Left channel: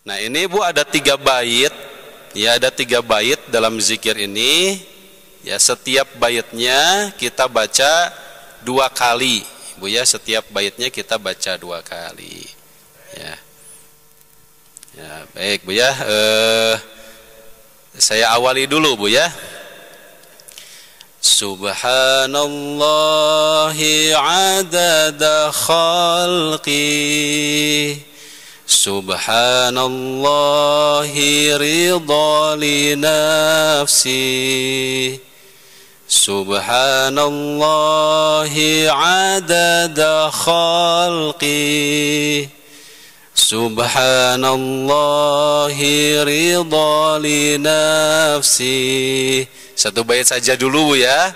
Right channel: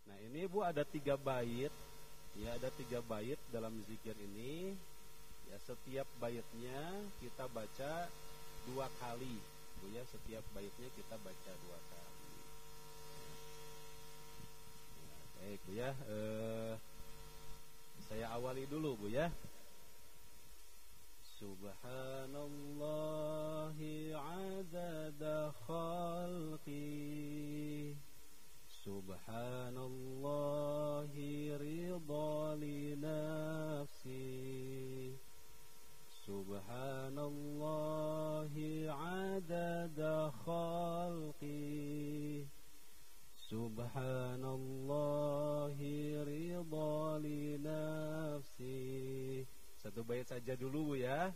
Nah ini Bu ada 3 bait, ya ada 3 bait dalam zikir ini. Ya setiap baitnya kita baca 2 kali, Bu ya. Setiap baitnya kita baca 2 kali. Ya, ya baik Bu ya. Saya awali dulu Bu ya. Subhanallahi adada khalqi, Subhanallahi ridha li nafsi, Subhanallahi adada khalqi, Subhanallahi ridha li nafsi. Satu bait saja dulu Bu ya.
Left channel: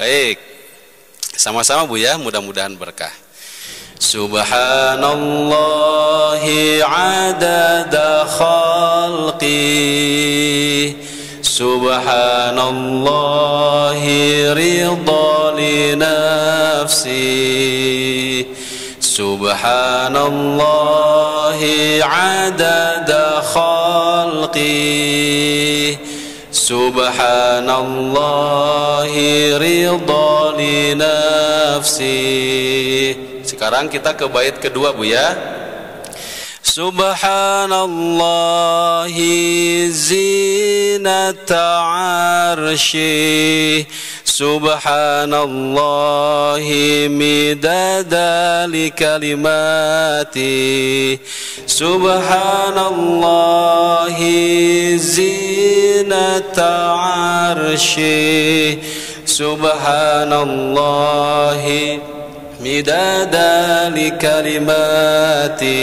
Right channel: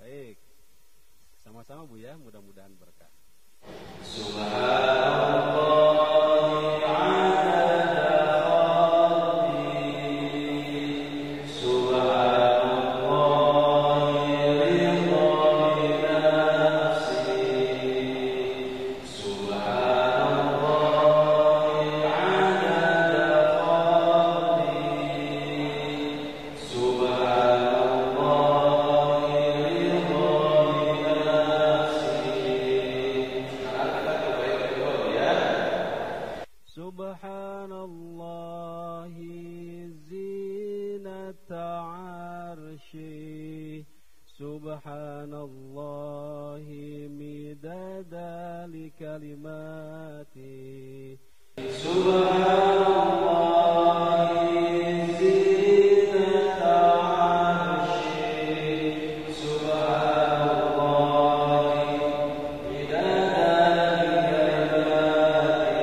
Baik. Sama-sama Bu ya, mudah-mudahan berkah. Subhanallahi adada khalqi, Subhanallahi ridha li nafsi, Subhanallahi adada khalqi, Subhanallahi ridha li nafsi. Sekarang kita ke bait kedua Bu ya. Subhanallahi zinata arsy, Subhanallahi midada li kalimati, Subhanallahi zinata arsy, Subhanallahi midada li kalimati,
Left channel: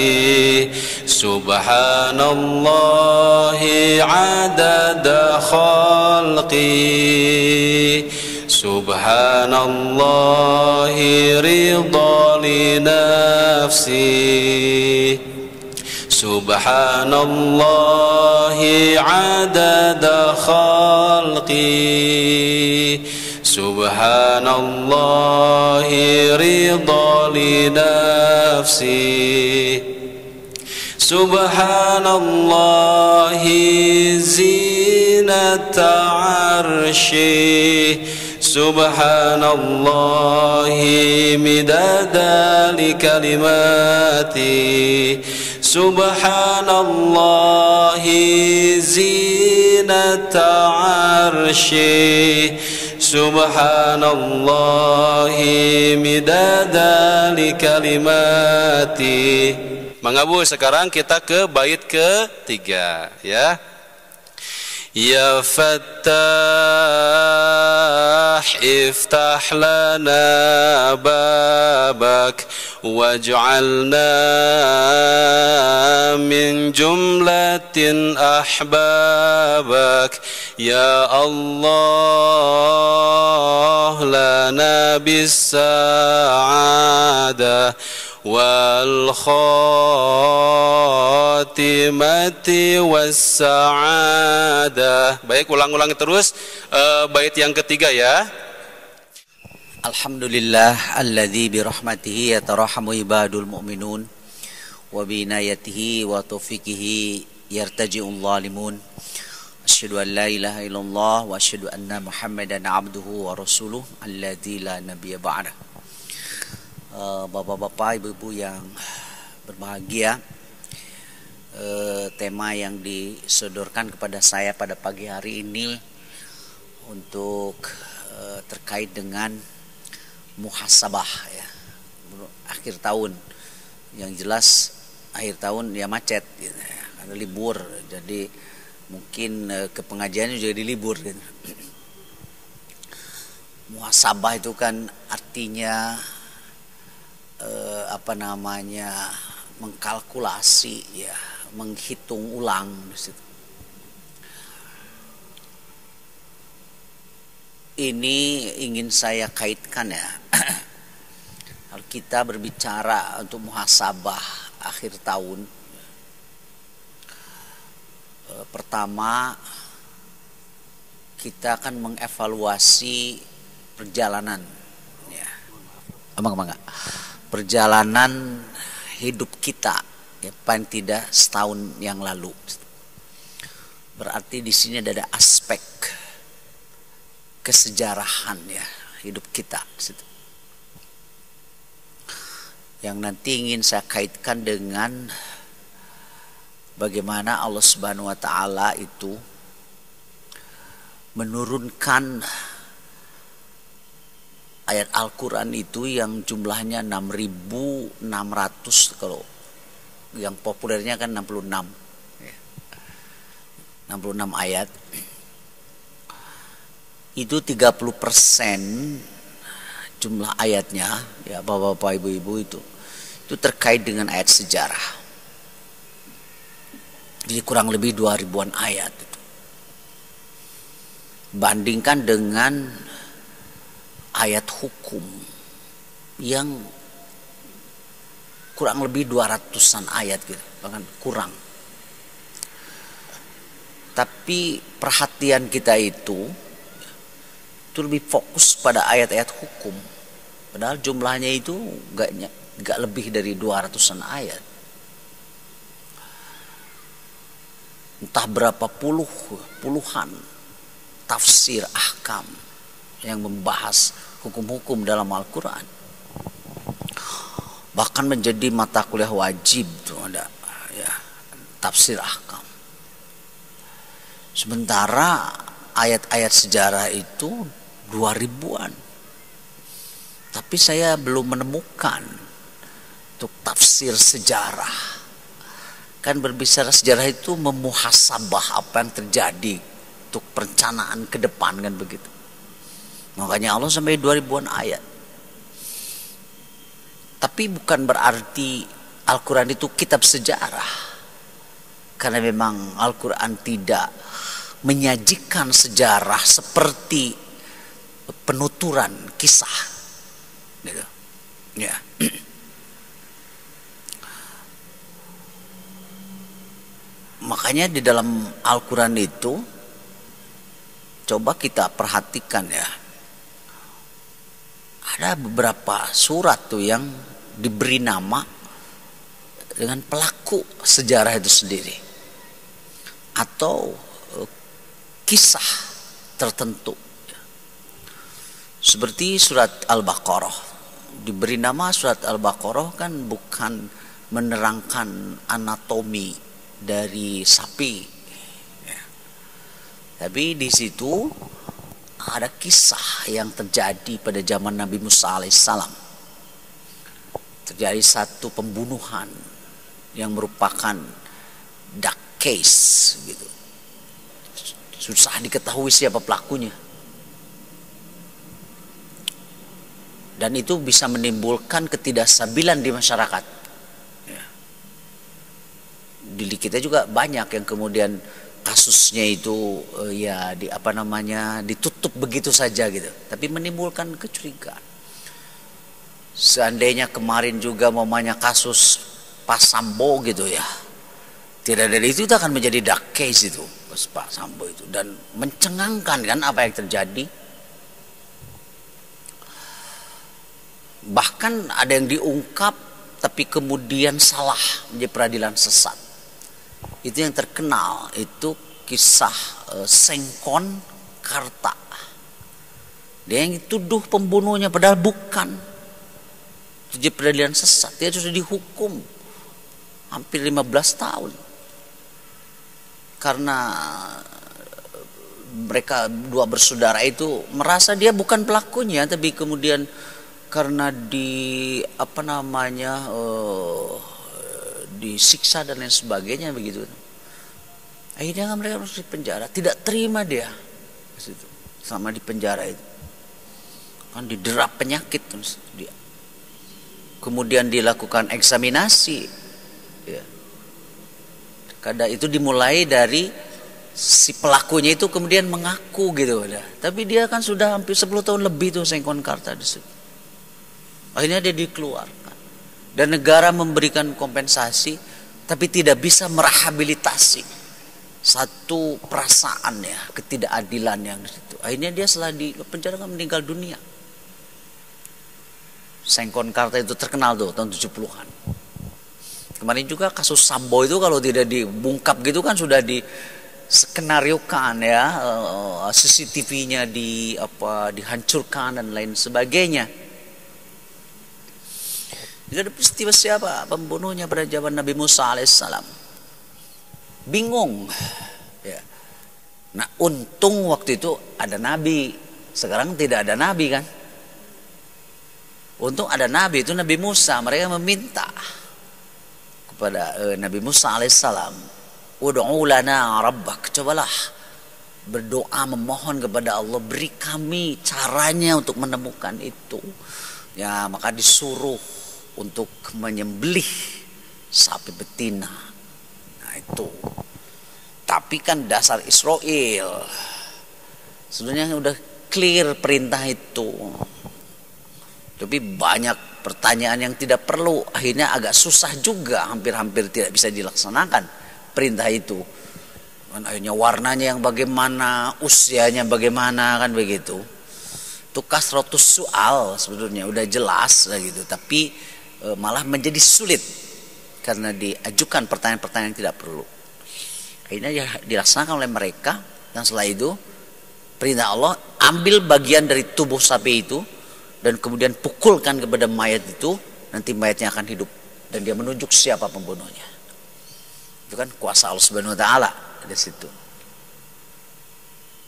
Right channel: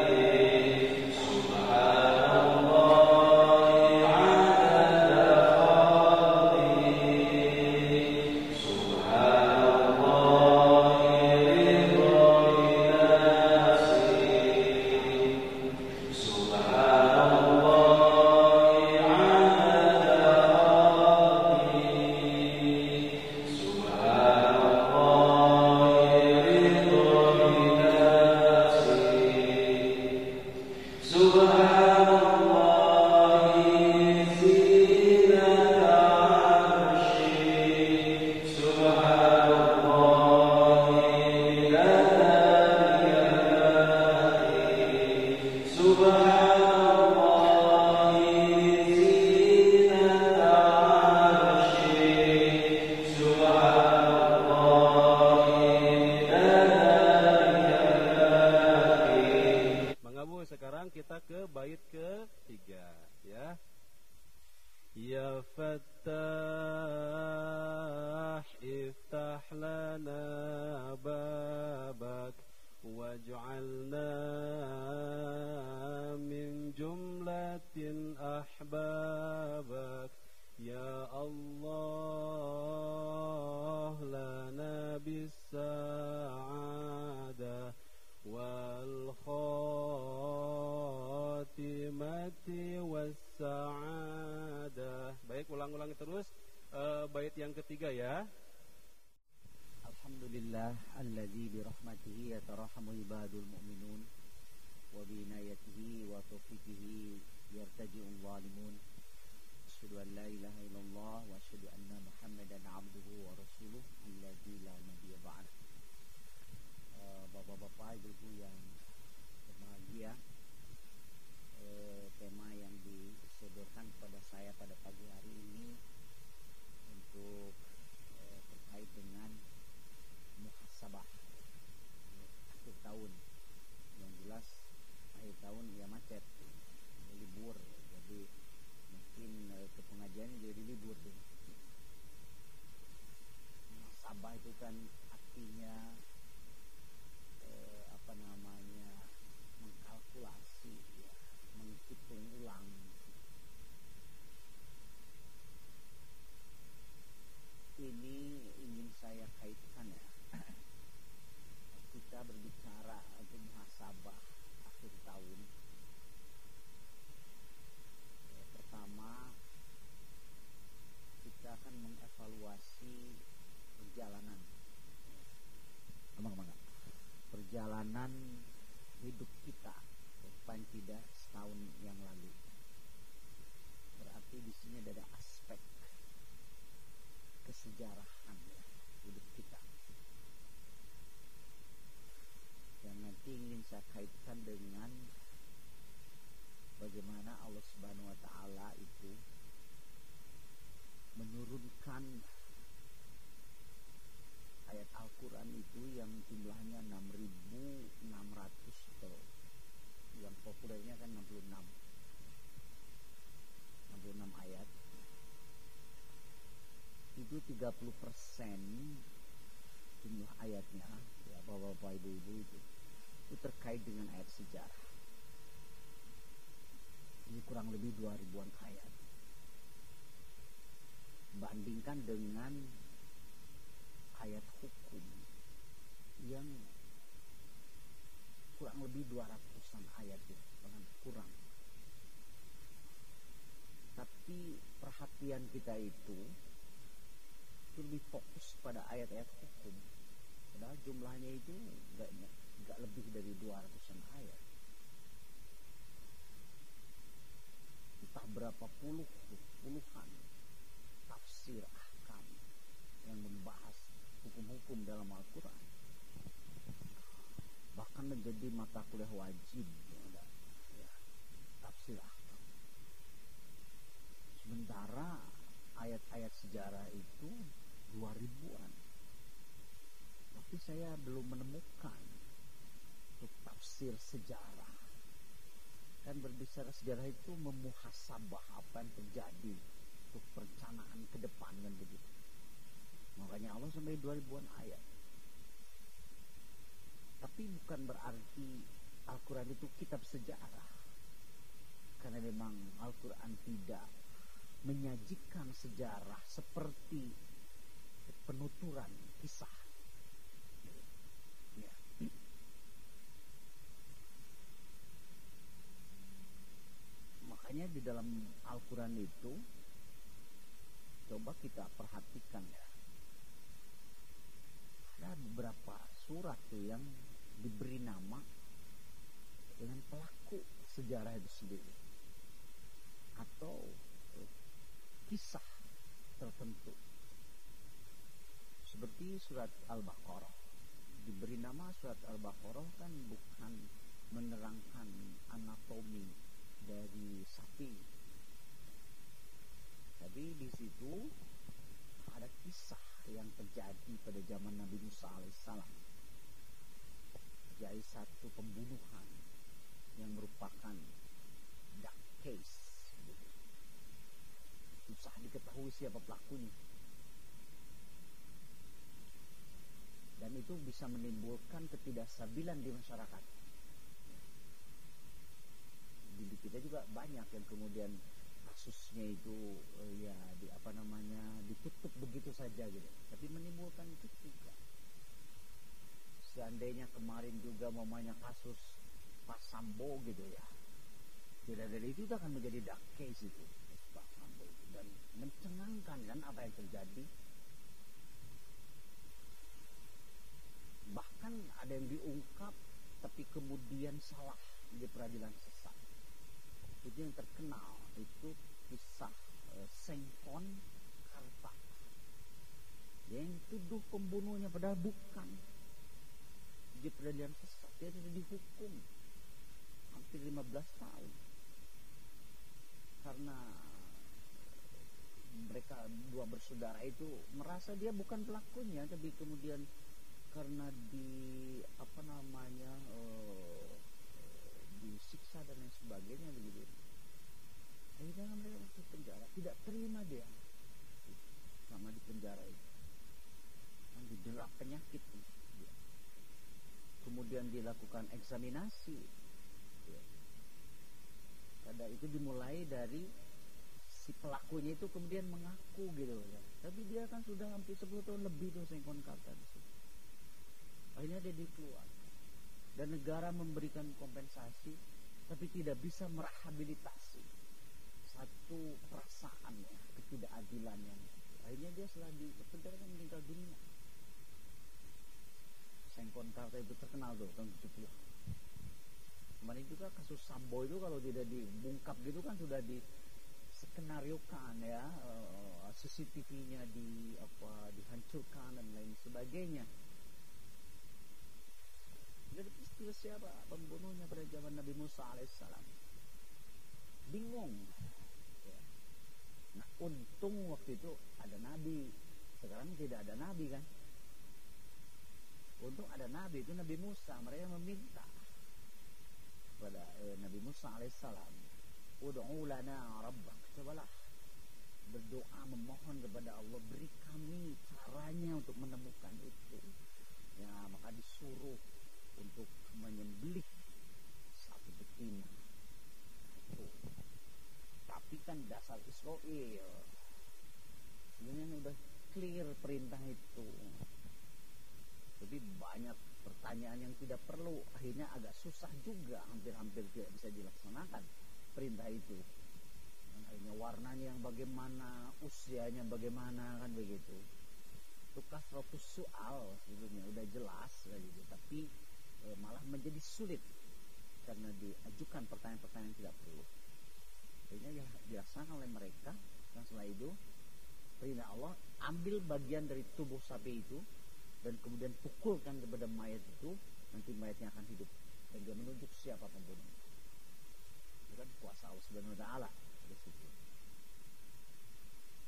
Subhanallahi adada khalqi, Subhanallahi ridha li nafsi, Subhanallahi adada khalqi, Subhanallahi ridha li nafsi, Subhanallahi zinata arsy, Subhanallahi midada li kalimati, Subhanallahi zinata arsy, Subhanallahi midada li kalimati. Mangga Bu, sekarang kita ke bait ketiga ya. Ya Fattah iftah lana babak waj'alna min jumlatin ahbabak, ya Allah lana bis sa'adah wal khatimati was sa'adah. Baik, ulang-ulang terus bait yang ketiga ya. Alhamdulillah alladzi bi rahmatihi yatarahamu ibadul mu'minun wa bi inayatihi wa taufiqihi yartaji'ul zalimun. Asyhadu an la ilaha illallah wa asyhadu anna Muhammadan abduhu wa rasuluh alladzi la nabiyya ba'dah. Bapak-bapak, ibu-ibu yang berbahagia, tema yang disodorkan kepada saya pada pagi hari ini untuk terkait dengan muhasabah ya, akhir tahun. Yang jelas akhir tahun ya macet gitu, ya, karena libur, jadi mungkin ke pengajiannya juga dilibur gitu. Muhasabah itu kan artinya mengkalkulasi ya, menghitung ulang di situ. Ini ingin saya kaitkan ya. Kalau kita berbicara untuk muhasabah akhir tahun, pertama kita akan mengevaluasi perjalanan ya. Perjalanan hidup kita ya, paling tidak setahun yang lalu. Berarti di sini ada aspek kesejarahan ya hidup kita yang nanti ingin saya kaitkan dengan bagaimana Allah Subhanahu wa taala itu menurunkan ayat Al-Qur'an itu yang jumlahnya 6.600, kalau yang populernya kan 66 ayat. Itu 30% jumlah ayatnya ya Bapak-bapak, Ibu-ibu, itu terkait dengan ayat sejarah. Jadi kurang lebih 2000-an ayat itu. Bandingkan dengan ayat hukum yang kurang lebih 200-an ayat gitu, bahkan kurang. Tapi perhatian kita itu lebih fokus pada ayat-ayat hukum. Padahal jumlahnya itu gak lebih dari 200-an ayat. Entah berapa puluhan tafsir ahkam yang membahas hukum-hukum dalam Al-Quran. Bahkan menjadi mata kuliah wajib tuh ada ya, tafsir ahkam. Sementara ayat-ayat sejarah itu 2000-an. Tapi saya belum menemukan untuk tafsir sejarah. Kan berbicara sejarah itu memuhasabah apa yang terjadi untuk perencanaan ke depan, kan begitu. Makanya Allah sampai 2000-an ayat. Tapi bukan berarti Al-Quran itu kitab sejarah. Karena memang Al-Quran tidak menyajikan sejarah seperti penuturan kisah gitu. Ya. Makanya di dalam Al-Quran itu coba kita perhatikan ya, ada beberapa surat tuh yang diberi nama dengan pelaku sejarah itu sendiri atau kisah tertentu. Seperti surat Al-Baqarah. Diberi nama surat Al-Baqarah kan bukan menerangkan anatomi dari sapi. Ya. Tapi di situ ada kisah yang terjadi pada zaman Nabi Musa alaihissalam. Terjadi satu pembunuhan yang merupakan dark case gitu. Susah diketahui siapa pelakunya. Dan itu bisa menimbulkan ketidakstabilan di masyarakat. Ya. Di kita juga banyak yang kemudian kasusnya itu ditutup begitu saja gitu. Tapi menimbulkan kecurigaan. Seandainya kemarin juga kasus Pak Sambo gitu ya. Tidak dari itu akan menjadi dark case itu. Pak Sambo itu, dan mencengangkan kan apa yang terjadi. Bahkan ada yang diungkap tapi kemudian salah, menjadi peradilan sesat. Itu yang terkenal, itu kisah Sengkon Karta. Dia yang dituduh pembunuhnya padahal bukan. Itu jadi peradilan sesat. Dia sudah dihukum hampir 15 tahun. Karena mereka dua bersaudara itu merasa dia bukan pelakunya, tapi kemudian karena disiksa dan lain sebagainya begitu. Akhirnya mereka harus dipenjara. Tidak terima dia selama di penjara itu. Kan diderap penyakit dia. Kemudian dilakukan eksaminasi. Ya. Kadang itu dimulai dari si pelakunya itu kemudian mengaku gitu. Tapi dia kan sudah hampir 10 tahun lebih tuh Sengkon Karta di situ. Akhirnya dia dikeluarkan. Dan negara memberikan kompensasi tapi tidak bisa merehabilitasi satu perasaan ya, ketidakadilan yang di situ. Akhirnya dia setelah di penjara meninggal dunia. Sengkon Karta itu terkenal tuh tahun 70-an. Kemarin juga kasus Sambo itu kalau tidak dibungkap gitu kan sudah di skenariokan ya, CCTV-nya dihancurkan dan lain sebagainya. Jadi ada peristiwa siapa pembunuhnya pada zaman Nabi Musa alaihissalam. Bingung. Ya. Nah untung waktu itu ada nabi. Sekarang tidak ada nabi kan. Untung ada nabi, itu Nabi Musa. Mereka meminta kepada Nabi Musa alaihissalam, ud'u lana rabbak, cobalah berdoa memohon kepada Allah, beri kami caranya untuk menemukan itu. Ya maka disuruh untuk menyembelih sapi betina. Nah itu. Tapi kan dasar Israel sebenarnya udah clear perintah itu. Tapi banyak pertanyaan yang tidak perlu, akhirnya agak susah juga, hampir-hampir tidak bisa dilaksanakan perintah itu. Kan akhirnya warnanya yang bagaimana, usianya bagaimana, kan begitu. Itu kasratus soal sebetulnya udah jelas gitu, tapi malah menjadi sulit karena diajukan pertanyaan-pertanyaan yang tidak perlu. Akhirnya dilaksanakan oleh mereka, dan setelah itu perintah Allah, ambil bagian dari tubuh sapi itu dan kemudian pukulkan kepada mayat itu, nanti mayatnya akan hidup dan dia menunjuk siapa pembunuhnya. Itu kan kuasa Allah Subhanahu wa taala di situ.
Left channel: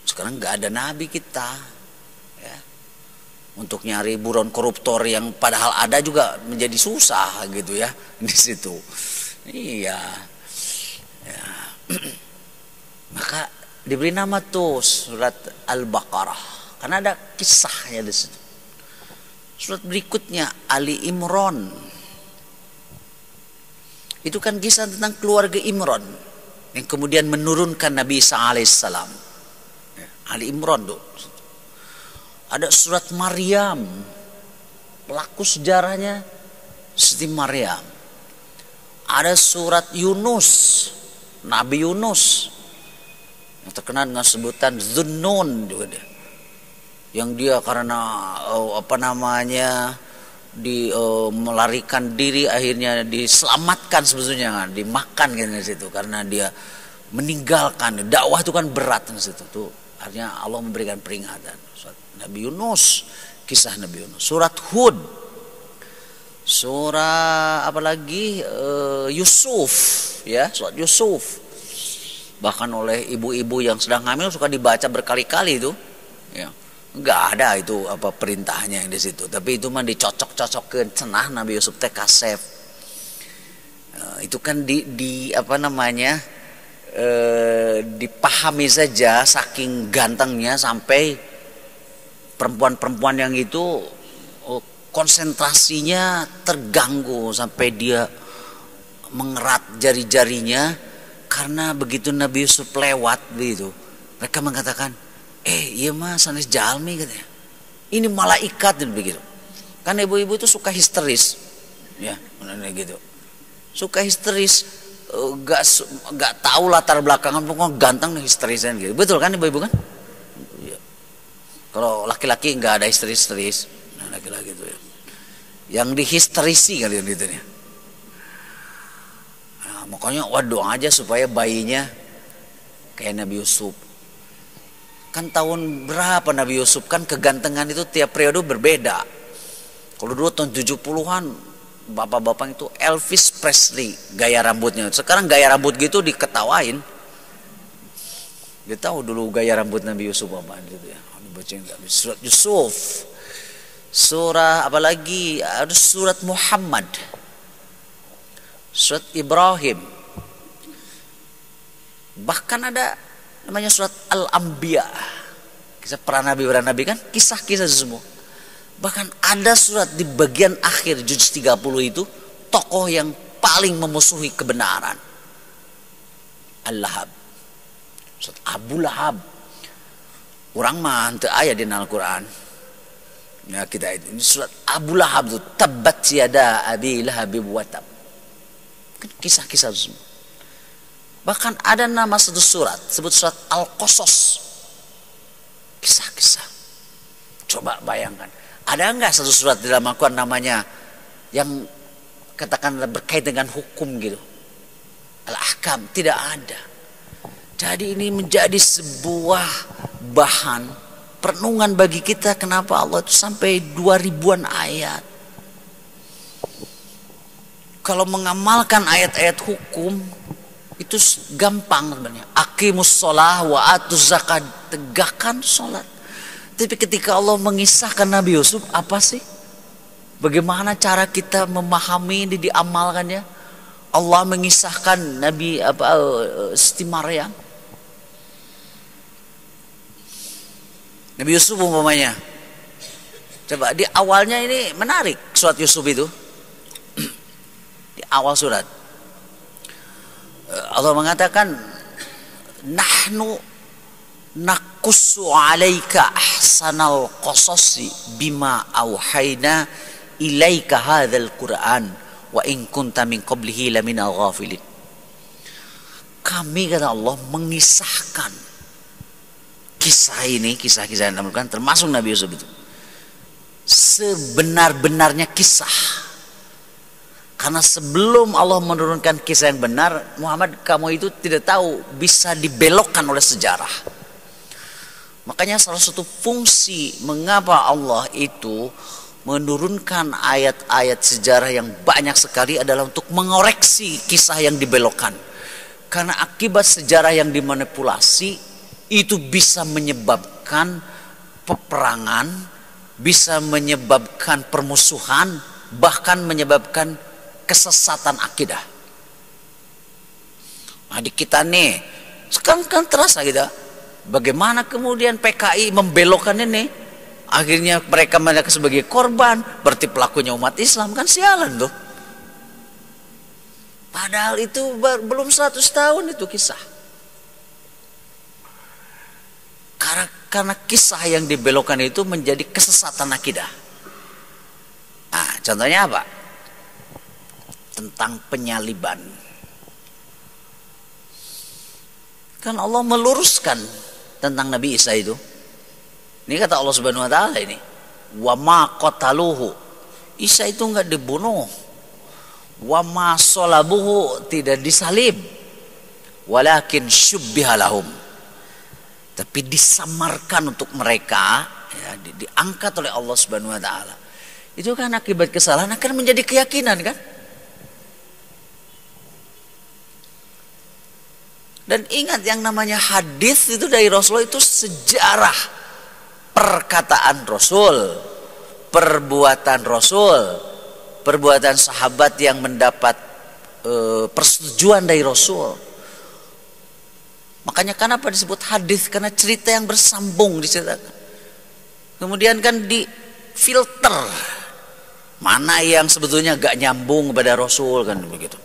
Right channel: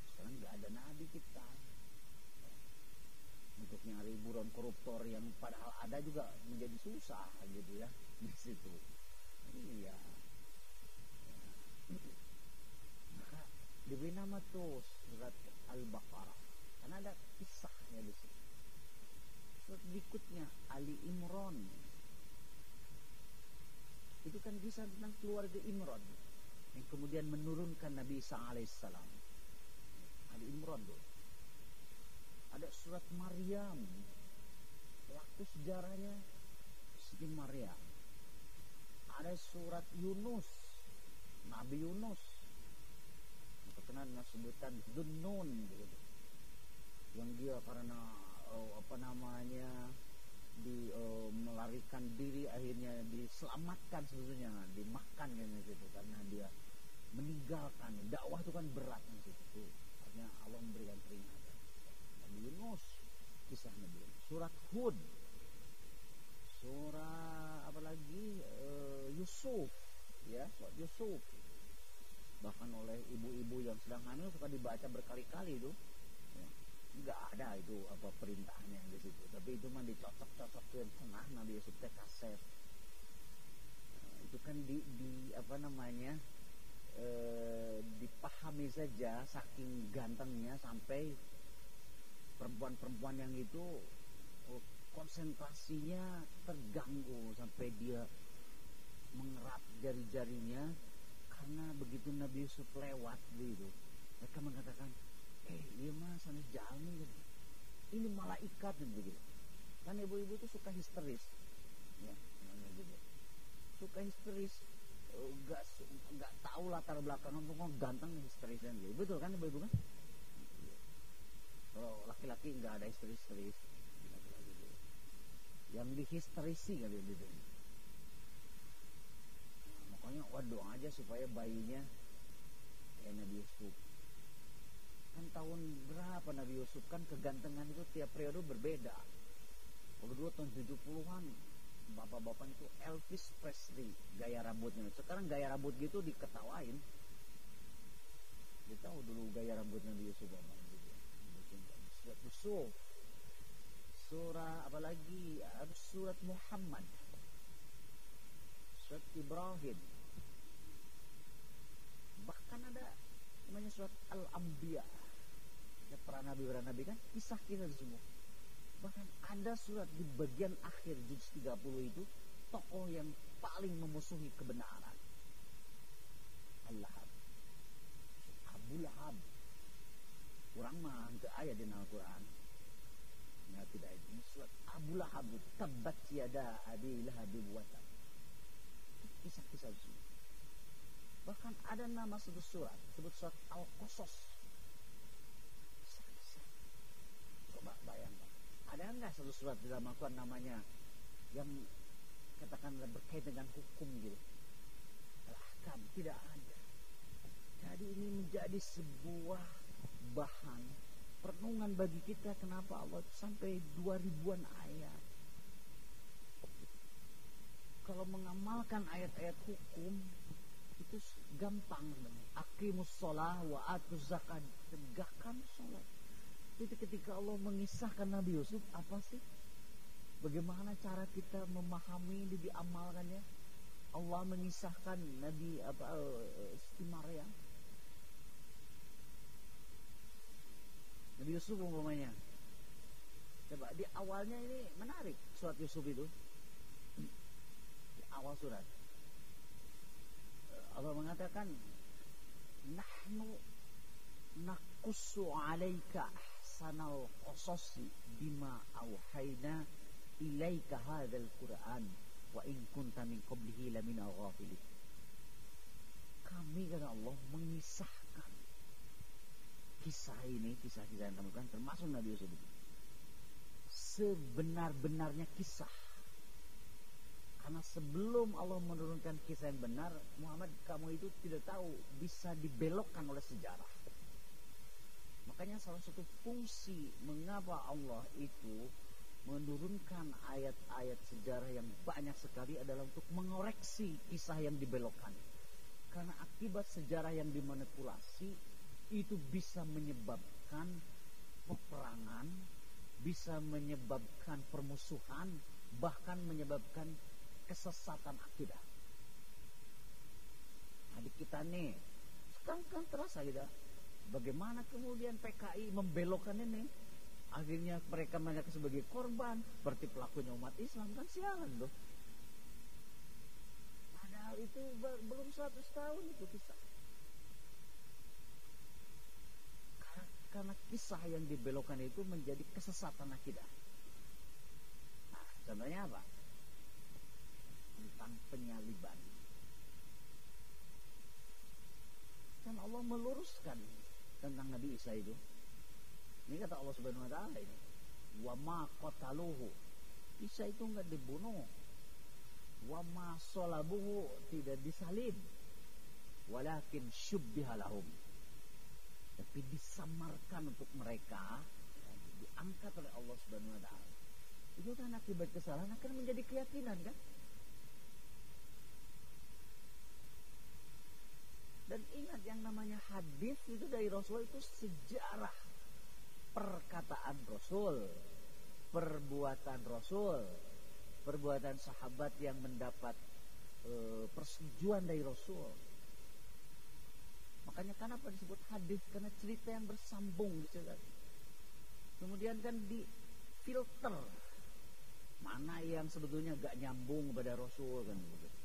Sekarang nggak ada nabi kita ya. Untuk nyari buron koruptor yang padahal ada juga menjadi susah gitu ya di situ. Iya. Ya. Maka diberi nama tuh surat Al-Baqarah karena ada kisahnya di situ. Surat berikutnya Ali Imran. Itu kan kisah tentang keluarga Imran yang kemudian menurunkan Nabi Isa alaihissalam. Ali Imran tuh. Ada surat Maryam, pelaku sejarahnya Siti Maryam. Ada surat Yunus, Nabi Yunus yang terkenal dengan sebutan Zunnun juga dia. Yang dia karena melarikan diri akhirnya diselamatkan sebetulnya kan, dimakan kan di situ karena dia meninggalkan dakwah itu kan berat di situ tuh. Artinya Allah memberikan peringatan. Surat Nabi Yunus, kisah Nabi Yunus. Surat Hud, surah apalagi Yusuf, ya surat Yusuf. Bahkan oleh ibu-ibu yang sedang hamil suka dibaca berkali-kali itu. Ya, nggak ada itu apa perintahnya yang di situ. Tapi itu mah dicocok-cocokkan cenah Nabi Yusuf teh kasef. Itu kan dipahami saja saking gantengnya sampai perempuan-perempuan yang itu konsentrasinya terganggu sampai dia mengerat jari-jarinya karena begitu Nabi Yusuf lewat begitu mereka mengatakan iya mah sanes jalmi katanya ini malaikat dan begitu kan ibu-ibu itu suka histeris ya gitu suka histeris gak tahu latar belakangan pokoknya ganteng histerisan gitu betul kan ibu-ibu kan ya. Kalau laki-laki nggak ada histeris nah, laki-laki itu ya. Yang dihisterisi kali gitu ya. Nah, makanya doa aja supaya bayinya kayak Nabi Yusuf. Kan tahun berapa Nabi Yusuf kan kegantengan itu tiap periode berbeda. Kalau dulu tahun 70-an bapak-bapak itu Elvis Presley gaya rambutnya. Sekarang gaya rambut gitu diketawain. Dia tahu dulu gaya rambut Nabi Yusuf apa gitu ya. Baca enggak surat Yusuf. Surah apalagi ada surat Muhammad. Surat Ibrahim. Bahkan ada namanya surat Al-Anbiya. Kisah para nabi kan kisah-kisah semua. Bahkan ada surat di bagian akhir juz 30 itu tokoh yang paling memusuhi kebenaran. Al-Lahab. Surat Abu Lahab. Orang mah henteu aya di Al-Qur'an. Ya kita ini surat Abu Lahab itu tabbat yada abi lahab wa tab. Kan kisah-kisah semua. Bahkan ada nama satu surat sebut surat Al-Qasas. Kisah-kisah. Coba bayangkan. Ada enggak satu surat di dalam Al-Quran namanya yang katakanlah berkait dengan hukum gitu. Al-ahkam tidak ada. Jadi ini menjadi sebuah bahan perenungan bagi kita, kenapa Allah itu sampai 2000-an ayat. Kalau mengamalkan ayat-ayat hukum itu gampang sebenarnya. Aqimus shalah wa atuz zakat, tegakkan salat. Tapi ketika Allah mengisahkan Nabi Yusuf, apa sih? Bagaimana cara kita memahami ini, diamalkannya? Allah mengisahkan Nabi Siti Maryam, Nabi Yusuf umpamanya. Coba di awalnya ini menarik surat Yusuf itu. Di awal surat Allah mengatakan, nahnu naqussu 'alaika ahsanal qasasi bima auhayna ilaika hadzal Qur'an wa in kunta min qablihi laminal ghafilin. Kami, kata Allah, mengisahkan kisah ini, kisah-kisah yang dilakukan termasuk Nabi Yusuf itu sebenar-benarnya kisah. Karena sebelum Allah menurunkan kisah yang benar, Muhammad, kamu itu tidak tahu, bisa dibelokkan oleh sejarah. Makanya salah satu fungsi mengapa Allah itu menurunkan ayat-ayat sejarah yang banyak sekali adalah untuk mengoreksi kisah yang dibelokkan. Karena akibat sejarah yang dimanipulasi itu bisa menyebabkan peperangan, bisa menyebabkan permusuhan, bahkan menyebabkan kesesatan akidah. Nah, di kita nih sekarang kan terasa gitu, bagaimana kemudian PKI membelokkan ini, akhirnya mereka sebagai korban, berarti pelakunya umat Islam, kan sialan tuh. Padahal itu belum 100 tahun itu kisah. Karena kisah yang dibelokkan itu menjadi kesesatan akidah. Nah, contohnya apa? Tentang penyaliban. Kan Allah meluruskan tentang Nabi Isa itu. Ini kata Allah Subhanahu wa taala ini, wa ma qataluhu. Isa itu enggak dibunuh. Wa ma salabuhu, tidak disalib. Walakin syubbiha lahum. Tapi disamarkan untuk mereka, ya, diangkat oleh Allah Subhanahu wa taala. Itu kan akibat kesalahan akan menjadi keyakinan kan? Dan ingat, yang namanya hadis itu dari Rasulullah itu sejarah perkataan Rasul, perbuatan Rasul, perbuatan sahabat yang mendapat persetujuan dari Rasul. Makanya kenapa disebut hadis? Karena cerita yang bersambung diceritakan. Kemudian kan difilter mana yang sebetulnya gak nyambung kepada Rasul, kan begitu.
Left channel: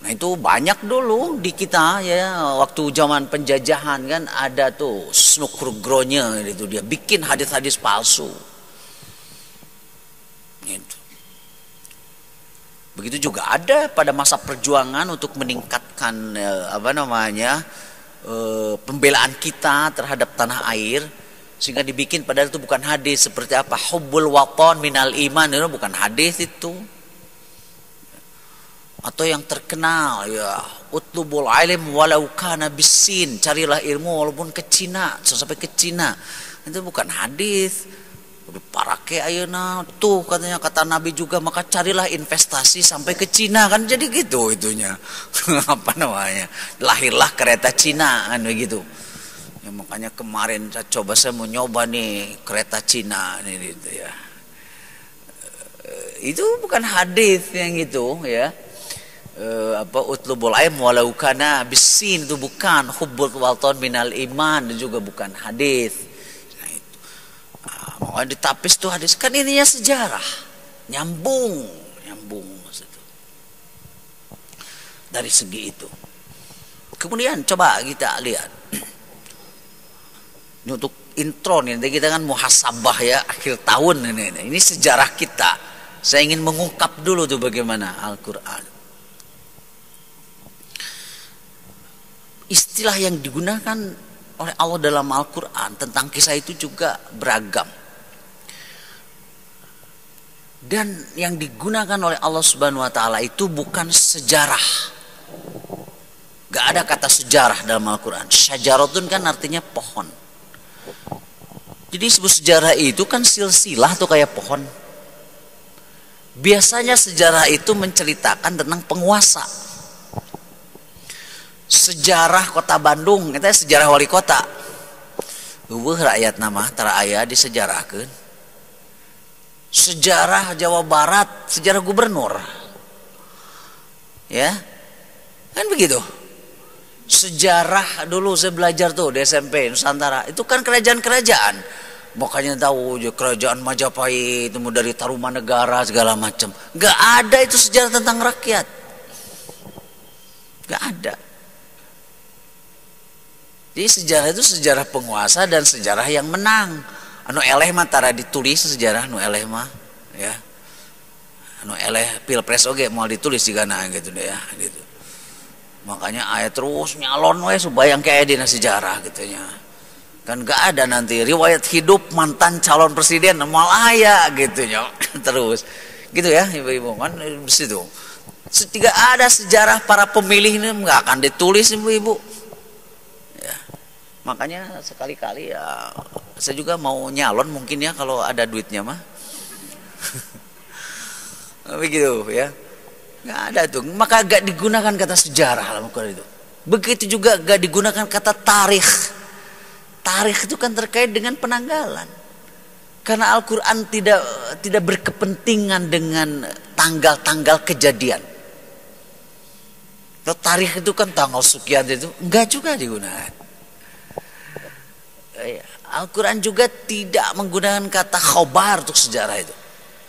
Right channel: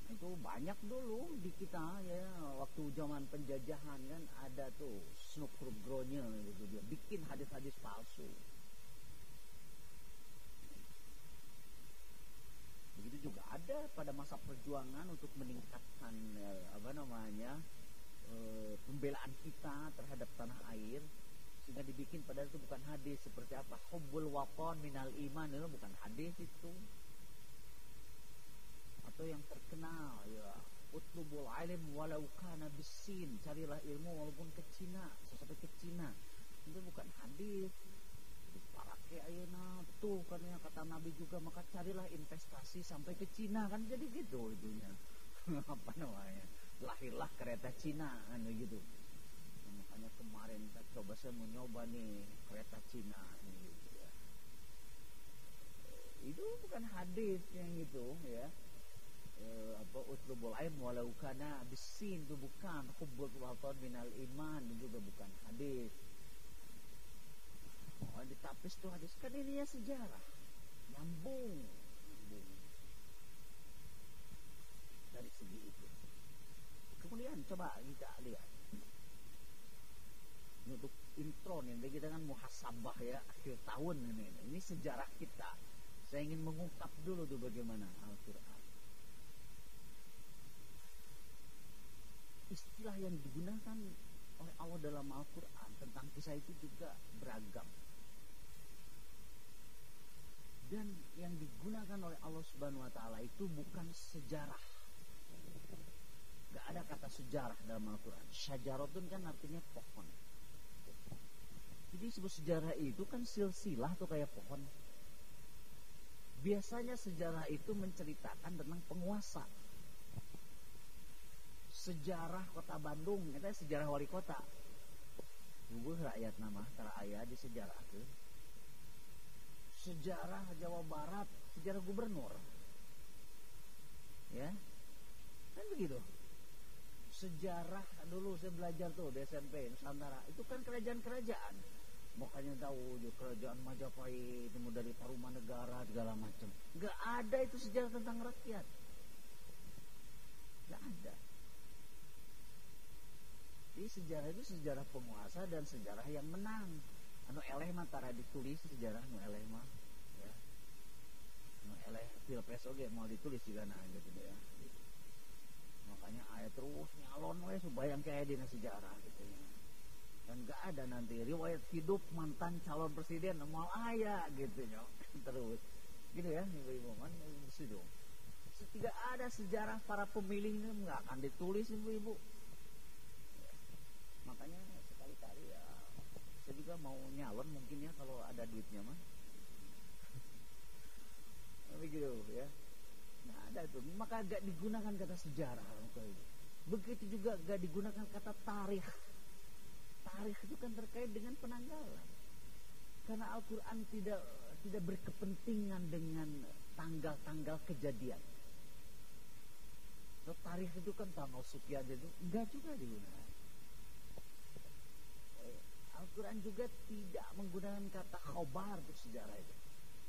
Nah itu banyak dulu di kita ya, waktu zaman penjajahan kan ada tuh Snukrugronya itu, dia bikin hadis-hadis palsu. Gitu. Begitu juga ada pada masa perjuangan untuk meningkatkan pembelaan kita terhadap tanah air, sehingga dibikin padahal itu bukan hadis. Seperti apa? Hubbul waton minal iman, itu bukan hadis itu. Atau yang terkenal ya, utlubul ilm walau kana bisin, carilah ilmu walaupun ke Cina, sampai ke Cina. Itu bukan hadis. Parake ayeuna tuh katanya, kata Nabi juga, maka carilah investasi sampai ke Cina, kan jadi gitu itunya. Apa namanya? Lahirlah kereta Cina kan begitu. Ya, makanya kemarin saya mau nyoba nih kereta Cina ini gitu ya. Itu bukan hadis yang itu ya. Utlubul ilm walau kana bisin, itu bukan. Hubbul waton minal iman, itu juga bukan hadis. Mau ditapis tuh hadis, kan ininya sejarah, nyambung maksudnya. Dari segi itu. Kemudian coba kita lihat. Ini untuk intro nih, nanti kita kan muhasabah ya, akhir tahun ini sejarah kita. Saya ingin mengungkap dulu tuh bagaimana Al-Quran. Istilah yang digunakan oleh Allah dalam Al-Quran tentang kisah itu juga beragam. Dan yang digunakan oleh Allah Subhanahu wa taala itu bukan sejarah. Gak ada kata sejarah dalam Al-Quran. Syajaratun kan artinya pohon. Jadi sebut sejarah itu kan silsilah tuh kayak pohon. Biasanya sejarah itu menceritakan tentang penguasa. Sejarah kota Bandung, itu sejarah wali kota. Rakyat nama tara aya disejarahkeun. Sejarah Jawa Barat, sejarah gubernur. Ya. Kan begitu. Sejarah dulu saya belajar tuh di SMP Nusantara, itu kan kerajaan-kerajaan. Makanya tahu kerajaan Majapahit, itu dari Tarumanegara segala macam. Gak ada itu sejarah tentang rakyat. Gak ada. Jadi sejarah itu sejarah penguasa dan sejarah yang menang. Anu eleh mah tara ditulis sejarah anu eleh mah, ya. Anu eleh pilpres oge mau ditulis juga nah gitu deh ya, gitu. Makanya ayat terus nyalon we supaya yang kayak dina sejarah gitu nya. Kan gak ada nanti riwayat hidup mantan calon presiden malah aya gitu nya. Terus gitu ya ibu-ibu kan di situ. Tidak ada sejarah para pemilih ini nggak akan ditulis ibu-ibu. Ya. Makanya sekali-kali ya saya juga mau nyalon mungkin ya kalau ada duitnya mah. Begitu ya. Nggak ada tuh. Maka gak digunakan kata sejarah dalam Al-Quran itu. Begitu juga gak digunakan kata tarikh. Tarikh itu kan terkait dengan penanggalan. Karena Al-Quran tidak berkepentingan dengan tanggal-tanggal kejadian. Tarikh itu kan tanggal sekian itu enggak juga digunakan. Al-Quran juga tidak menggunakan kata khobar untuk sejarah itu.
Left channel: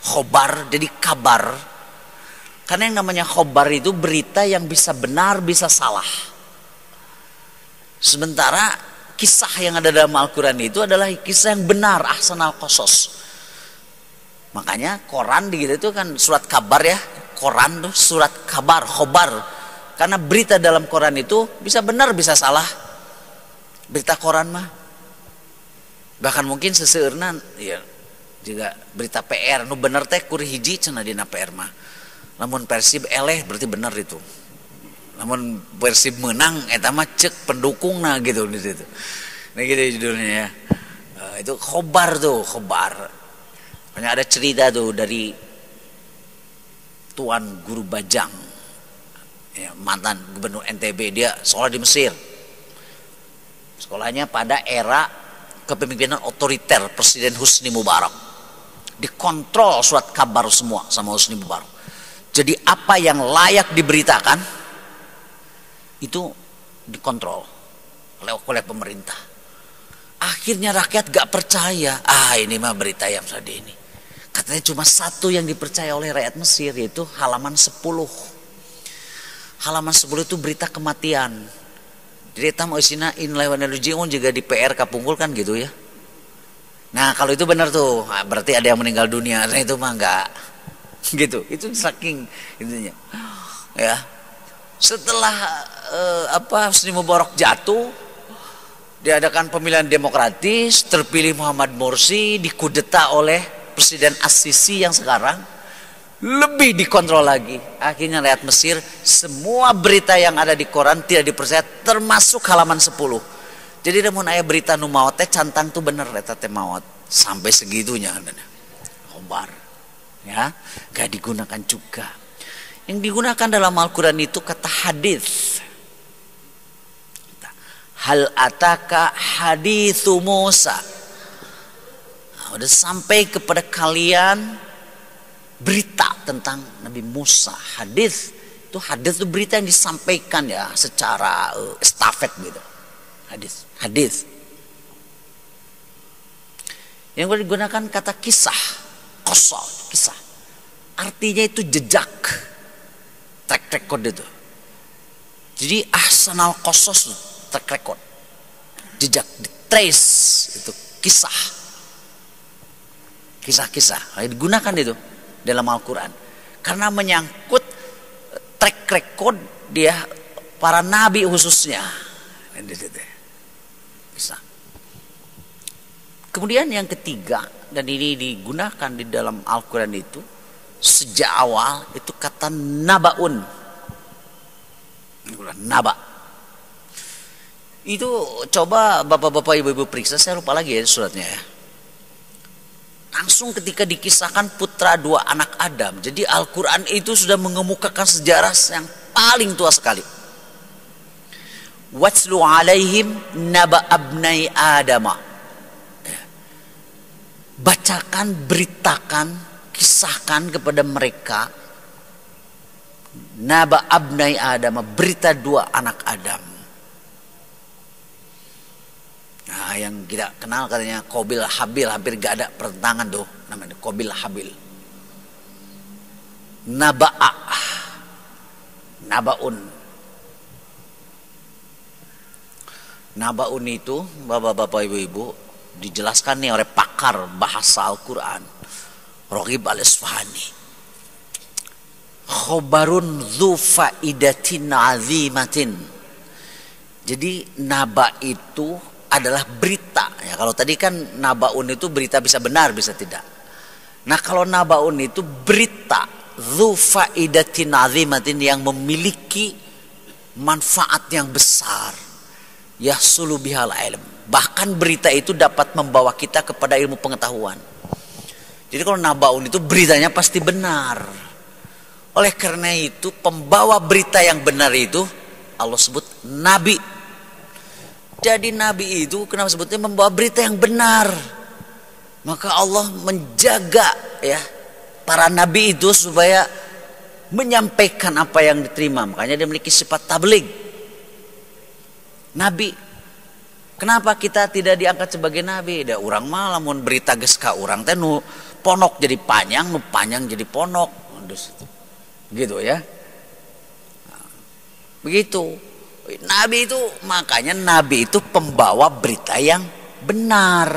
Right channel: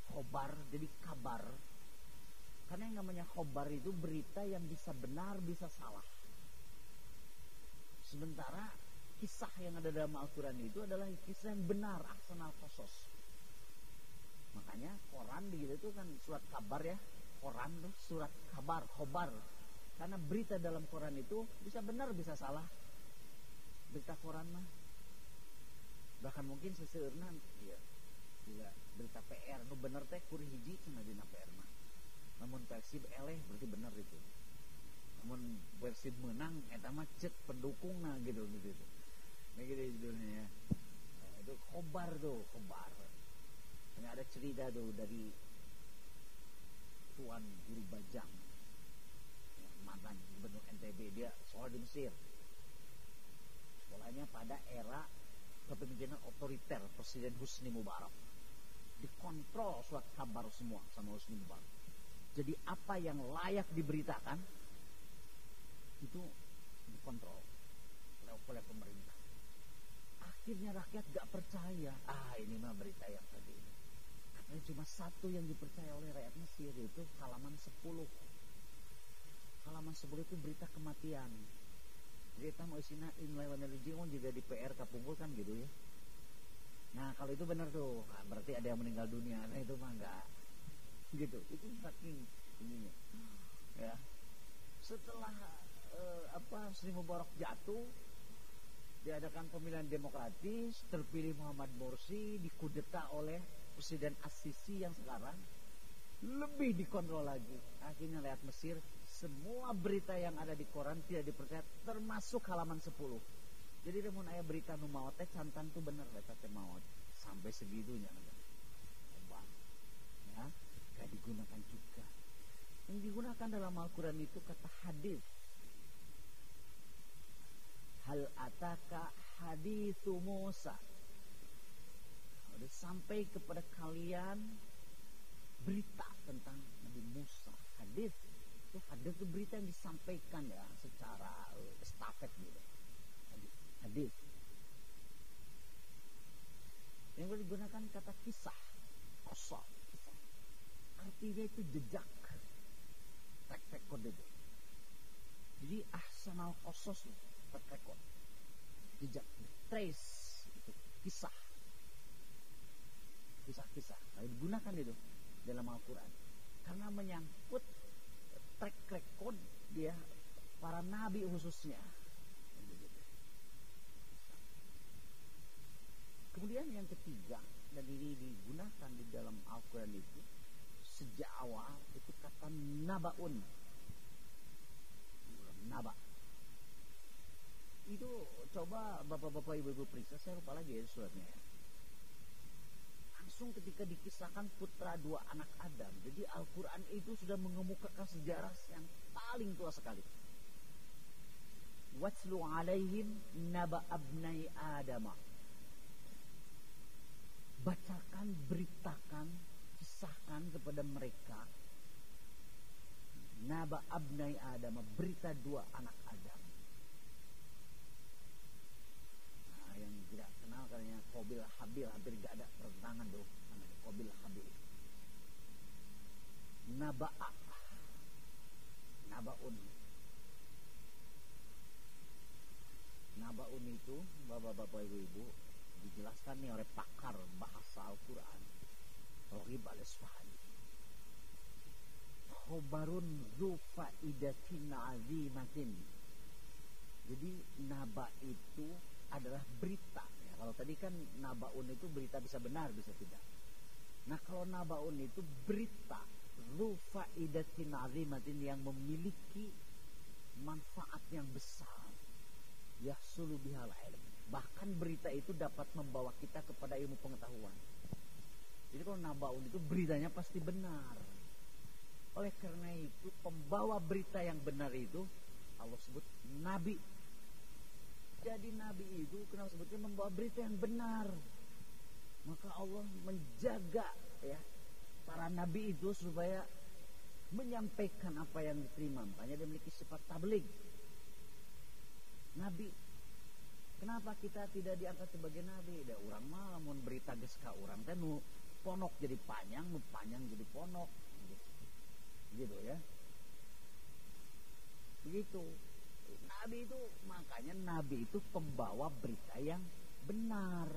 Khobar jadi kabar. Karena yang namanya khobar itu berita yang bisa benar bisa salah. Sementara kisah yang ada dalam Al-Quran itu adalah kisah yang benar, ahsanal qasas. Makanya Quran gitu itu kan surat kabar ya. Quran tuh surat kabar, khobar. Karena berita dalam Quran itu bisa benar bisa salah. Berita Quran mah. Bahkan mungkin seseurna ya juga berita PR nu bener teh kur hiji cenah dina PR mah. Namun Persib eleh berarti benar itu. Namun Persib menang eta mah cek pendukungna gitu di situ. Nah gitu judulnya ya. Itu khobar tuh, khobar. Banyak ada cerita tuh dari Tuan Guru Bajang. Ya, mantan gubernur NTB, dia sekolah di Mesir. Sekolahnya pada era kepemimpinan otoriter Presiden Husni Mubarak. Dikontrol surat kabar semua sama Husni Mubarak. Jadi apa yang layak diberitakan itu dikontrol oleh pemerintah. Akhirnya rakyat gak percaya. Ini mah berita yang tadi ini. Katanya cuma satu yang dipercaya oleh rakyat Mesir, yaitu halaman 10. Halaman 10 itu berita kematian. Jadi tam isina inlay wa narjiun juga di PR kapungkul kan gitu ya. Nah kalau itu benar tuh, berarti ada yang meninggal dunia. Nah itu mah enggak gitu. Itu saking itunya. Ya. Setelah Husni Mubarak jatuh, diadakan pemilihan demokratis, terpilih Muhammad Morsi, dikudeta oleh Presiden As-Sisi yang sekarang. Lebih dikontrol lagi. Akhirnya rakyat Mesir semua berita yang ada di koran tidak dipercaya, termasuk halaman 10. Jadi namun aya berita nu maot teh cantang tuh bener eta teh maot sampai segitunya khobar. Ya, gak digunakan juga. Yang digunakan dalam Al-Qur'an itu kata hadis. Hal ataka hadithu Musa. Nah, udah sampai kepada kalian berita tentang Nabi Musa. Hadis itu berita yang disampaikan ya secara estafet gitu. Hadis. Yang digunakan kata kisah, qasas, kisah. Artinya itu jejak, track record itu. Jadi ahsanal qasas, track record, jejak, trace itu kisah. Kisah-kisah digunakan itu dalam Al-Quran karena menyangkut track record dia para nabi khususnya. Bisa. Kemudian yang ketiga, dan ini digunakan di dalam Al-Quran itu sejak awal itu kata nabaun. Naba. Itu coba bapak-bapak ibu-ibu periksa, saya lupa lagi ya suratnya ya. Langsung ketika dikisahkan putra dua anak Adam. Jadi Al-Quran itu sudah mengemukakan sejarah yang paling tua sekali. Watslu alaihim naba abnai adama. Bacakan, beritakan, kisahkan kepada mereka naba abnai adama, berita dua anak Adam. Nah, yang kita kenal katanya Qabil Habil, hampir gak ada pertentangan tuh namanya Qabil Habil. Naba'a, nabaun. Nabaun itu bapak-bapak ibu-ibu dijelaskan nih oleh pakar bahasa Al-Quran Raghib Al-Isfahani. Khobarun dzu faidatin azimatin. Jadi naba itu adalah berita ya. Kalau tadi kan nabaun itu berita bisa benar bisa tidak. Nah kalau nabaun itu berita dzu faidatin azimatin yang memiliki manfaat yang besar. Yahsulu bihal ilm. Bahkan berita itu dapat membawa kita kepada ilmu pengetahuan. Jadi kalau nabaun itu beritanya pasti benar. Oleh karena itu pembawa berita yang benar itu Allah sebut nabi. Jadi nabi itu kenapa sebutnya membawa berita yang benar? Maka Allah menjaga ya para nabi itu supaya menyampaikan apa yang diterima. Makanya dia memiliki sifat tabligh. Nabi. Kenapa kita tidak diangkat sebagai nabi? Da urang mah lamun berita geus ka urang teh nu ponok jadi panjang, nu panjang jadi ponok. Gitu ya. Begitu. Nabi itu makanya nabi itu pembawa berita yang benar.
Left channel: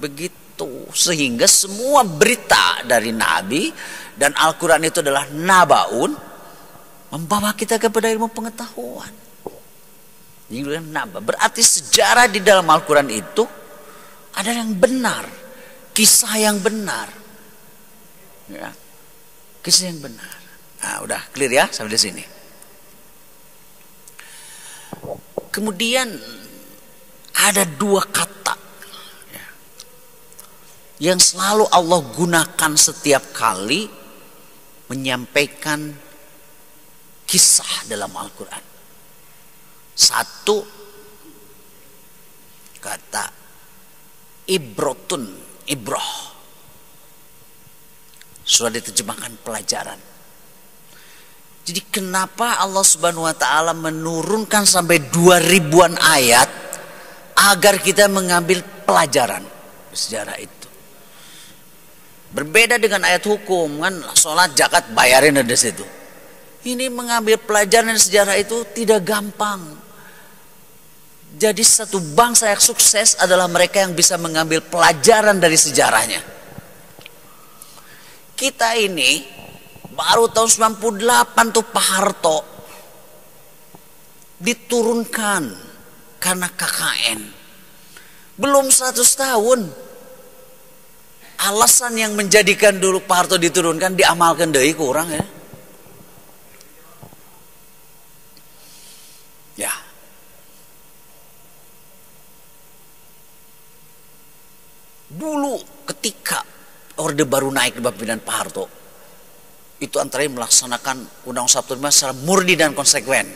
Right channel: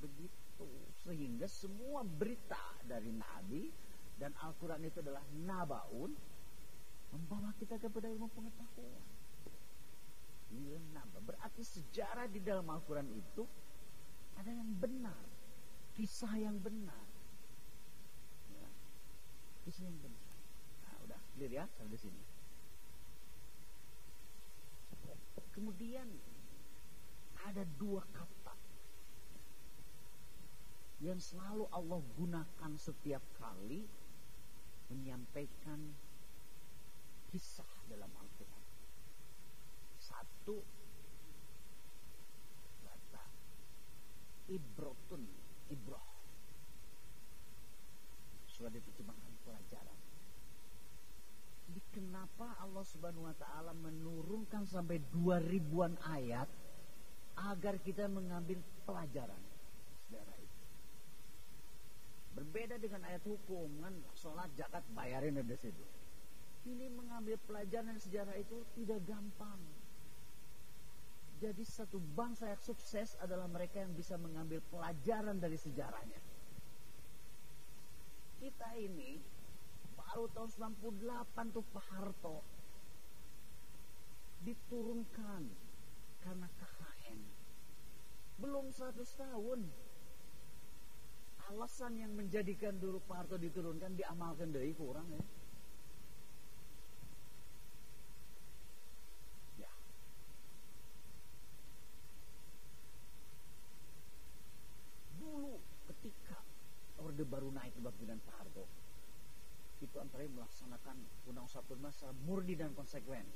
Begitu. Sehingga semua berita dari nabi dan Al-Quran itu adalah nabaun, membawa kita kepada ilmu pengetahuan. Berarti sejarah di dalam Al-Quran itu ada yang benar, kisah yang benar, ya, kisah yang benar. Nah, udah clear ya sampai di sini. Kemudian ada dua kata ya, yang selalu Allah gunakan setiap kali menyampaikan kisah dalam Al-Quran. Satu kata ibrotun, ibroh, sudah diterjemahkan pelajaran. Jadi kenapa Allah Subhanahu wa taala menurunkan sampai 2000-an ayat agar kita mengambil pelajaran sejarah itu. Berbeda dengan ayat hukum kan, sholat, zakat, bayarin ada situ. Ini mengambil pelajaran sejarah itu tidak gampang. Jadi satu bangsa yang sukses adalah mereka yang bisa mengambil pelajaran dari sejarahnya. Kita ini baru tahun 98 tuh Pak Harto diturunkan karena KKN. Belum 100 tahun. Alasan yang menjadikan dulu Pak Harto diturunkan diamalkan deui kurang ya. Ya. Dulu ketika Orde Baru naik di pimpinan Pak Harto, itu antara melaksanakan Undang-Undang 45 secara murni dan konsekuen,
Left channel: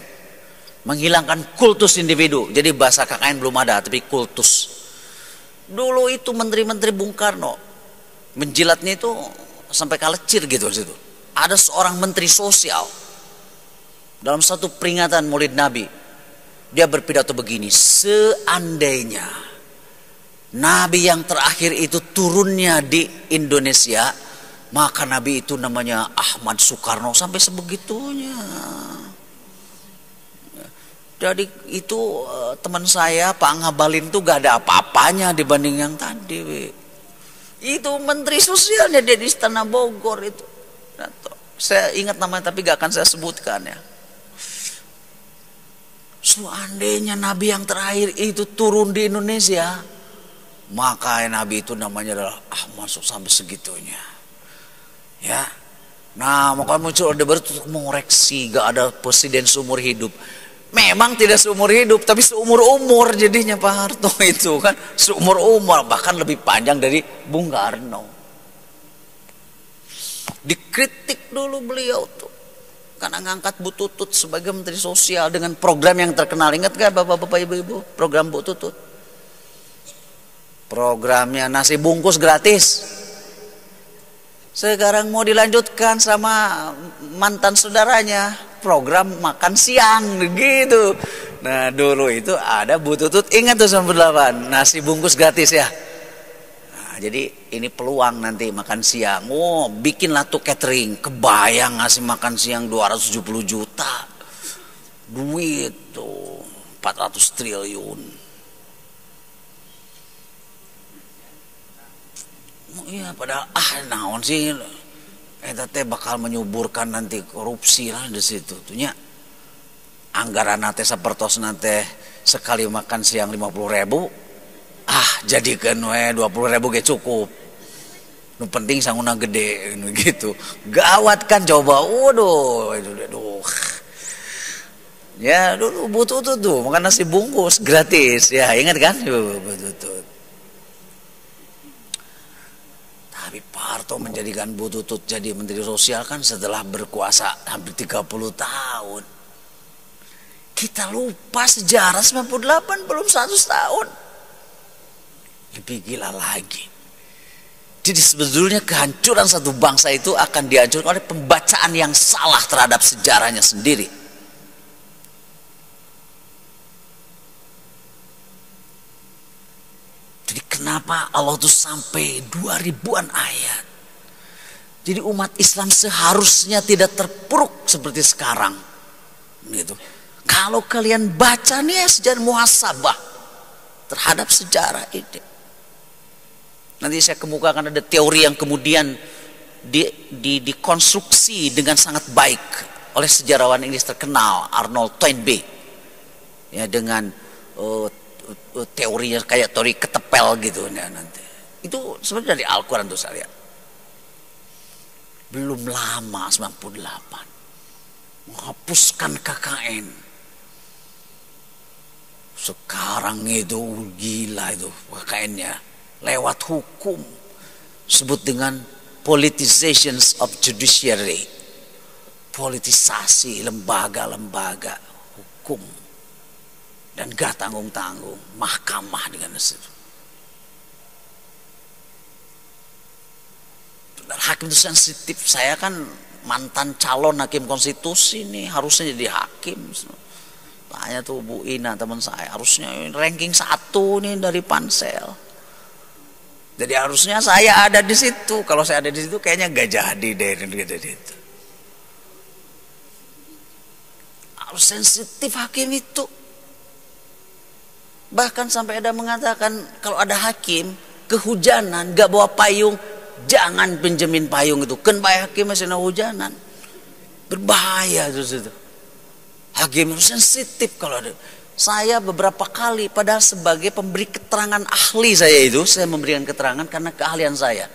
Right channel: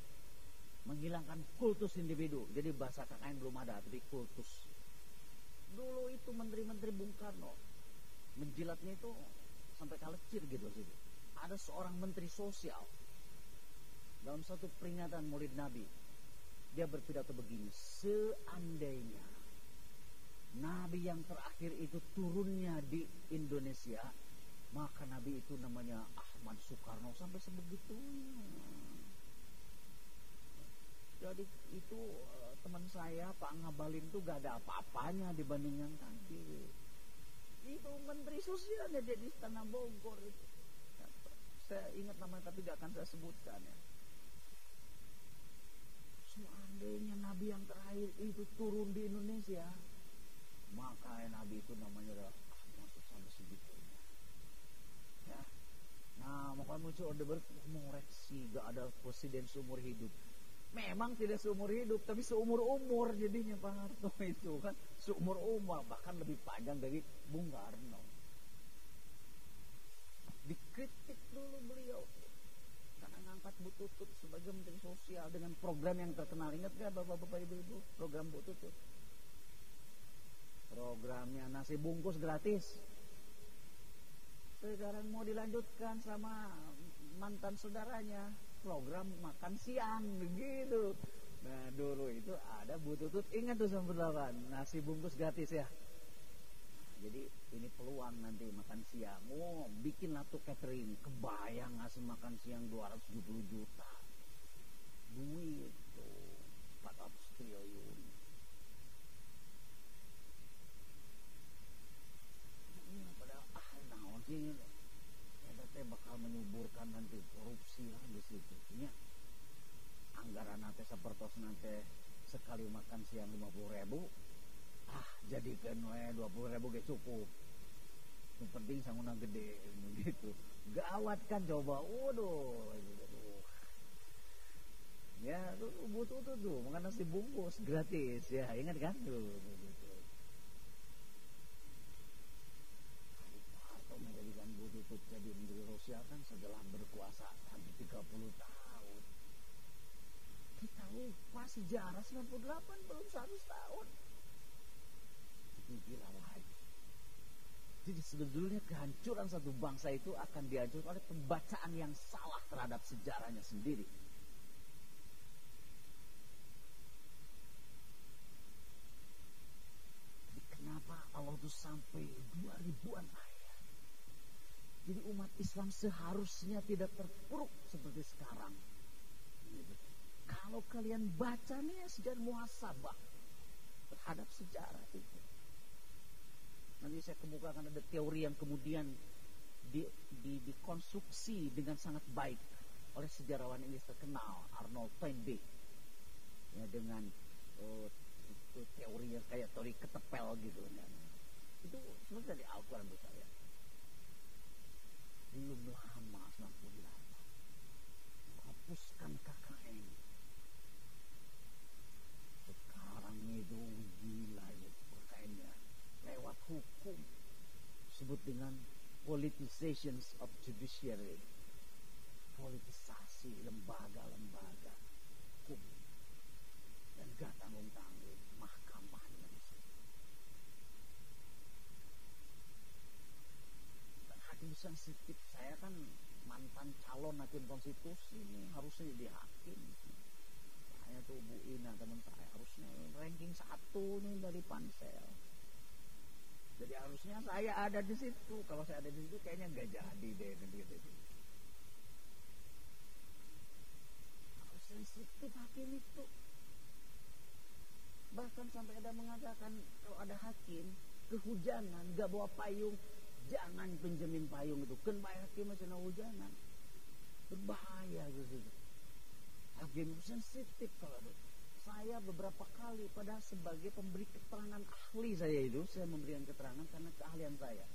menghilangkan kultus individu. Jadi bahasa KKN belum ada, tapi kultus. Dulu itu menteri-menteri Bung Karno menjilatnya itu sampai kalecir gitu di situ. Ada seorang menteri sosial dalam satu peringatan Maulid Nabi, dia berpidato begini, seandainya Nabi yang terakhir itu turunnya di Indonesia, maka Nabi itu namanya Ahmad Soekarno, sampai sebegitunya. Jadi itu teman saya Pak Ngabalin tuh gak ada apa-apanya dibanding yang tadi. Itu menteri sosialnya dia di Istana Bogor itu. Saya ingat namanya tapi gak akan saya sebutkan ya. Seandainya Nabi yang terakhir itu turun di Indonesia, maka Nabi itu namanya adalah Ahmad Soekarno, sampai segitunya. Ya, Nah, makanya muncul Orde Baru untuk mengoreksi, gak ada presiden seumur hidup. Memang tidak seumur hidup, tapi seumur-umur jadinya Pak Harto itu kan. Seumur-umur, bahkan lebih panjang dari Bung Karno. Dikritik dulu beliau tuh, karena ngangkat Bu Tutut sebagai Menteri Sosial dengan program yang terkenal. Ingat gak Bapak-bapak Ibu-ibu program Bu Tutut? Programnya nasi bungkus gratis. Sekarang mau dilanjutkan sama mantan saudaranya, program makan siang gitu. Nah dulu itu ada Bu Tutut, ingat tuh 98, nasi bungkus gratis ya. Nah, jadi ini peluang nanti makan siang. Oh, bikinlah tuh catering. Kebayang ngasih makan siang 270 juta. Duit tuh 400 triliun. Iya, padahal naon sih eta teh bakal menyuburkan nanti korupsi lah di situ tuhnya. Anggaran teh sapertos teh sekali makan siang 50.000. Jadikan we 20.000 ge cukup. Nu penting sanguna gede gitu. Gawat kan coba. Waduh, aduh. Ya dulu butuh tuh makan nasi bungkus gratis ya, ingat kan? Butuh. Tapi Pak Harto menjadikan Bu Tutut jadi Menteri Sosial kan setelah berkuasa hampir 30 tahun. Kita lupa sejarah 98 belum 100 tahun. Lebih gila lagi. Jadi sebetulnya kehancuran satu bangsa itu akan dihancurkan oleh pembacaan yang salah terhadap sejarahnya sendiri. Jadi kenapa Allah tuh sampai 2000-an ayat. Jadi umat Islam seharusnya tidak terpuruk seperti sekarang. Gitu. Kalau kalian baca nih sejarah muhasabah terhadap sejarah ini. Nanti saya kemukakan ada teori yang kemudian dikonstruksi dengan sangat baik oleh sejarawan Inggris terkenal Arnold Toynbee. Ya, dengan teorinya kayak teori ketepel gitu ya, nanti itu sebenarnya dari Al-Quran tuh saya lihat. Belum lama 98 menghapuskan KKN, sekarang itu gila itu KKN-nya lewat hukum, sebut dengan politizations of judiciary, politisasi lembaga-lembaga hukum. Dan gak tanggung-tanggung mahkamah dengan itu. Hakim itu sensitif. Saya kan mantan calon hakim konstitusi nih, harusnya jadi hakim. Tanya tuh Bu Ina teman saya, harusnya ranking 1 nih dari Pansel. Jadi harusnya saya ada di situ. Kalau saya ada di situ kayaknya gak jadi deh gitu. Harus sensitif hakim itu. Bahkan sampai ada mengatakan kalau ada hakim kehujanan gak bawa payung, jangan pinjemin payung itu. Kan baik hakim masih hujanan, berbahaya itu. Hakim itu sensitif kalau ada. Saya beberapa kali padahal sebagai pemberi keterangan ahli saya memberikan keterangan karena keahlian saya.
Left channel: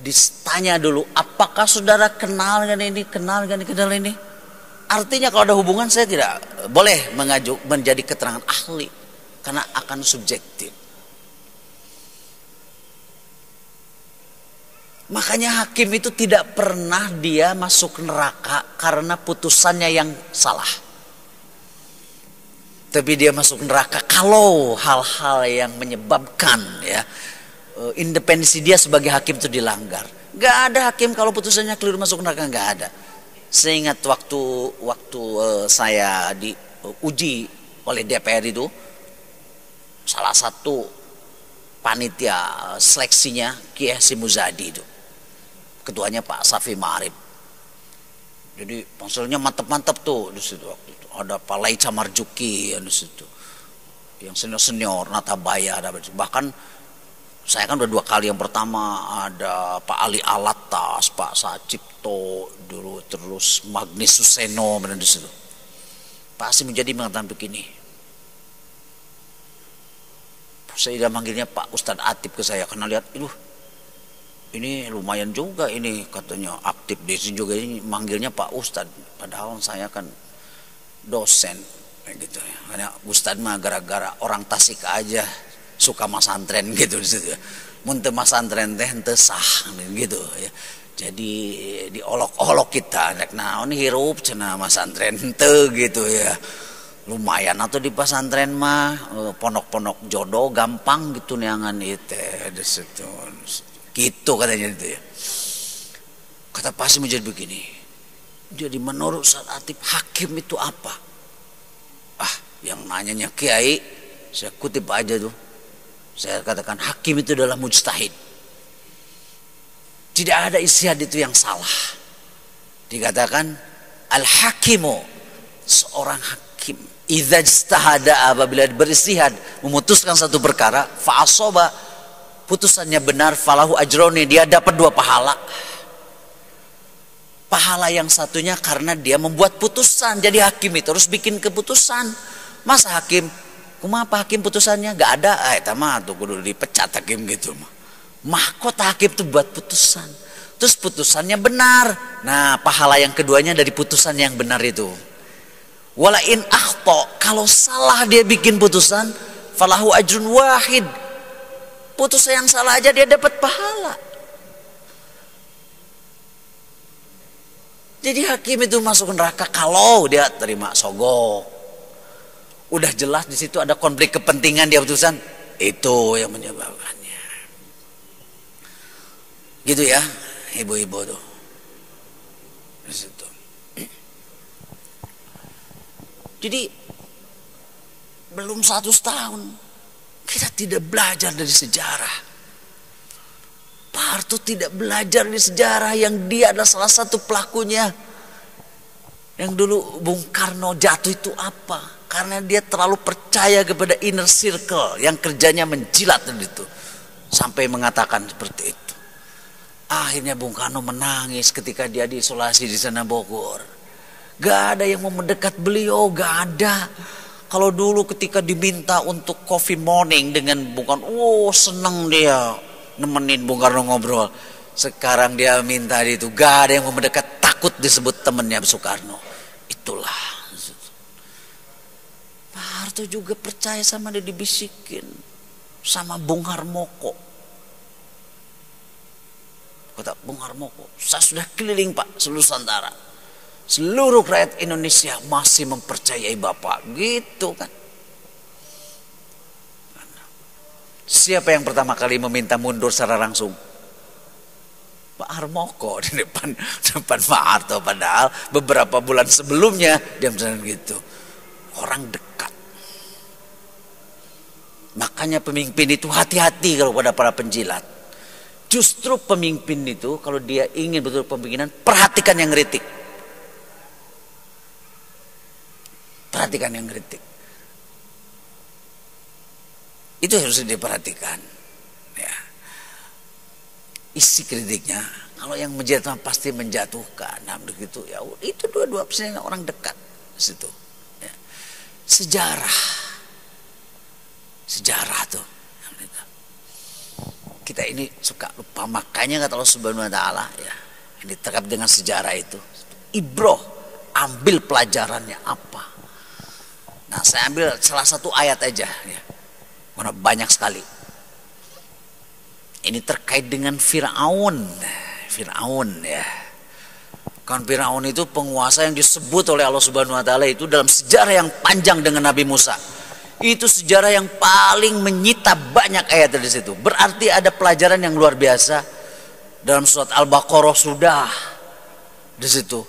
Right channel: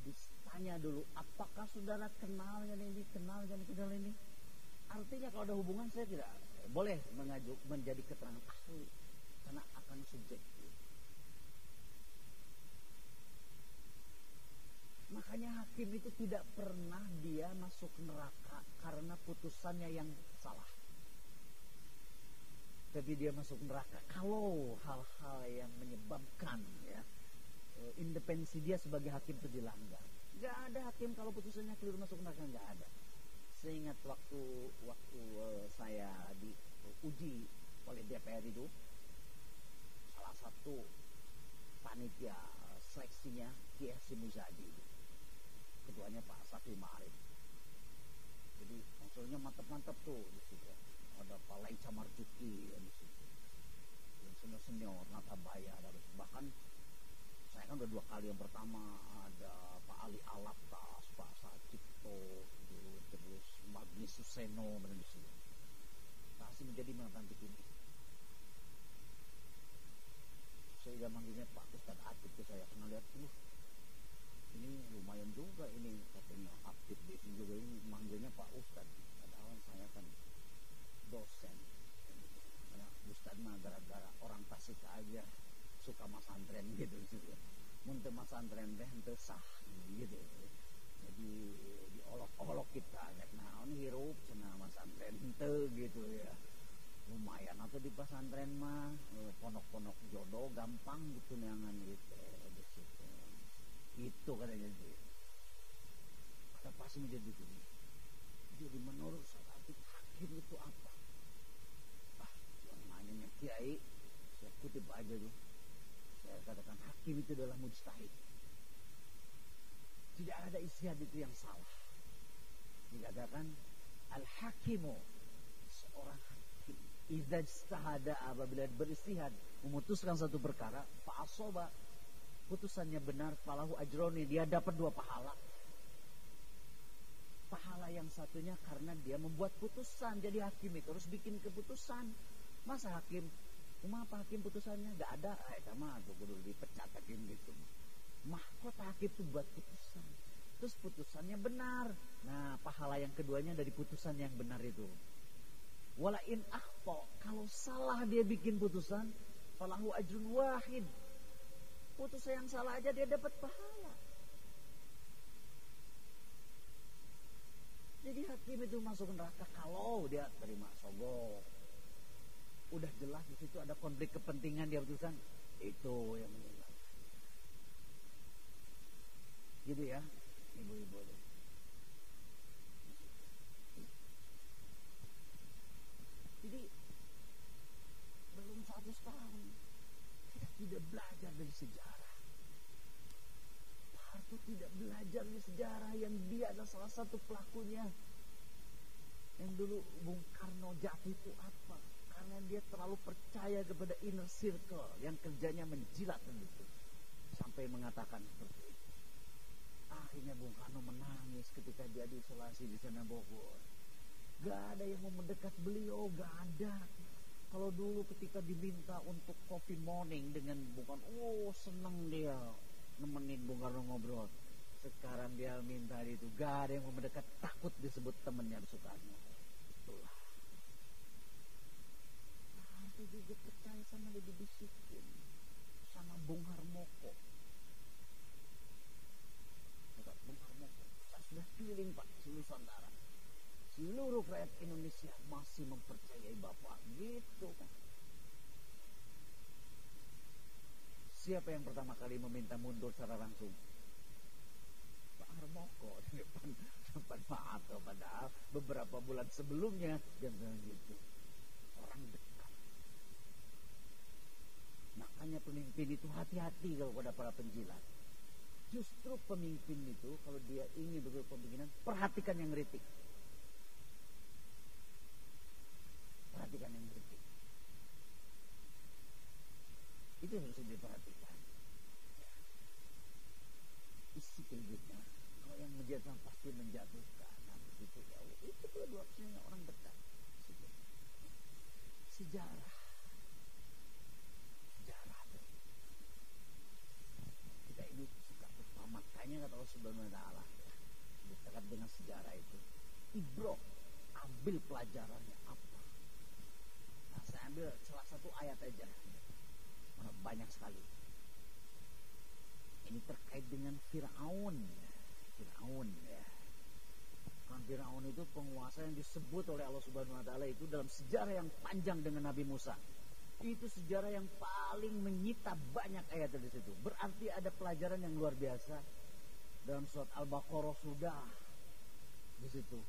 Ditanya dulu, apakah saudara kenal dengan ini, kenal ini? Artinya kalau ada hubungan saya tidak boleh menjadi keterangan ahli. Karena akan subjektif. Makanya hakim itu tidak pernah dia masuk neraka karena putusannya yang salah. Tapi dia masuk neraka kalau hal-hal yang menyebabkan ya independensi dia sebagai hakim itu dilanggar. Gak ada hakim kalau putusannya keliru masuk neraka, gak ada. Saya ingat waktu saya diuji oleh DPR itu, salah satu panitia seleksinya Kiai Hasyim Muzadi itu, ketuanya Pak Safi Ma'arif. Jadi panselnya mantap-mantap tuh di situ waktu itu. Ada Pak Laica Marjuki di situ, yang senior Natabaya ada. Bahkan saya kan udah 2 kali. Yang pertama ada Pak Ali Alatas, Pak Sacipto dulu, terus Magnis Suseno di situ. Pak Hasyim Muzadi mengatakan begini. Saya manggilnya Pak Ustadz Atib ke saya karena lihat, ini lumayan juga ini katanya aktif di sini juga, ini manggilnya Pak Ustadz, padahal saya kan dosen gitu ya. Karena Ustadz mah gara-gara orang Tasik aja suka masantren gitu di situ. Mun teu masantren teh henteu sah gitu ya. Jadi diolok-olok kita, nek naon hirup cenah masantren henteu gitu ya. Lumayan atau di pesantren mah pondok-pondok jodoh gampang gitu neangan itu di situ. Gitu katanya itu ya. Kata Pak menjadi begini. Jadi menurut Ustaz Atip hakim itu apa? Ah, yang nanyanya kiai, saya kutip aja tuh. Saya katakan hakim itu adalah mujtahid. Tidak ada ijtihad itu yang salah. Dikatakan al-hakimu, seorang hakim. Idza ijtahada, apabila beristihad memutuskan satu perkara, fa asaba, putusannya benar, falahu ajroni, dia dapat 2 pahala. Pahala yang satunya karena dia membuat putusan. Jadi hakim itu harus bikin keputusan. Masa hakim, kumaha hakim putusannya gak ada, eta mah tuh kudu dipecat hakim gitu mah. Mahkota hakim tuh buat putusan. Terus putusannya benar. Nah, pahala yang keduanya dari putusan yang benar itu. Wala in akhta, kalau salah dia bikin putusan, falahu ajrun wahid. Putusan yang salah aja dia dapat pahala. Jadi hakim itu masuk neraka kalau dia terima sogok. Udah jelas di situ ada konflik kepentingan dia putusan, itu yang menyebabkannya. Gitu ya, ibu-ibu tuh. Di situ. Jadi belum 100 tahun kita tidak belajar dari sejarah. Pak Harto tidak belajar dari sejarah yang dia adalah salah satu pelakunya. Yang dulu Bung Karno jatuh itu apa? Karena dia terlalu percaya kepada inner circle yang kerjanya menjilat itu. Sampai mengatakan seperti itu. Akhirnya Bung Karno menangis ketika dia diisolasi di sana Bogor. Gak ada yang mau mendekat beliau, gak ada. Kalau dulu ketika diminta untuk coffee morning dengan Bung Karno, seneng dia nemenin Bung Karno ngobrol. Sekarang dia minta itu, gak ada yang mau mendekat, takut disebut temannya Soekarno. Itulah. Pak Harto juga percaya sama dia, dibisikin sama Bung Harmoko. Kata Bung Harmoko, saya sudah keliling Pak seluruh Nusantara. Seluruh rakyat Indonesia masih mempercayai Bapak. Gitu kan. Siapa yang pertama kali meminta mundur secara langsung? Pak Harmoko di depan Pak Harto. Padahal beberapa bulan sebelumnya dia misalnya gitu. Orang dekat. Makanya pemimpin itu hati-hati kalau pada para penjilat. Justru pemimpin itu kalau dia ingin betul pemimpinan, perhatikan yang ngeritik. Perhatikan yang kritik. Itu harus diperhatikan. Ya. Isi kritiknya. Kalau yang menjatuhkan pasti menjatuhkan. Nah begitu ya. Itu dua-dua persen orang dekat situ. Ya. Sejarah tuh. Kita ini suka lupa, makanya kata Allah Subhanahu Wa Taala ya. Ini terkait dengan sejarah itu. Ibroh, ambil pelajarannya apa? Nah saya ambil salah satu ayat aja ya. Karena banyak sekali. Ini terkait dengan Fir'aun ya. Kan Fir'aun itu penguasa yang disebut oleh Allah Subhanahu Wa Taala itu dalam sejarah yang panjang dengan Nabi Musa. Itu sejarah yang paling menyita banyak ayat dari situ. Berarti ada pelajaran yang luar biasa. Dalam surat Al-Baqarah sudah di situ.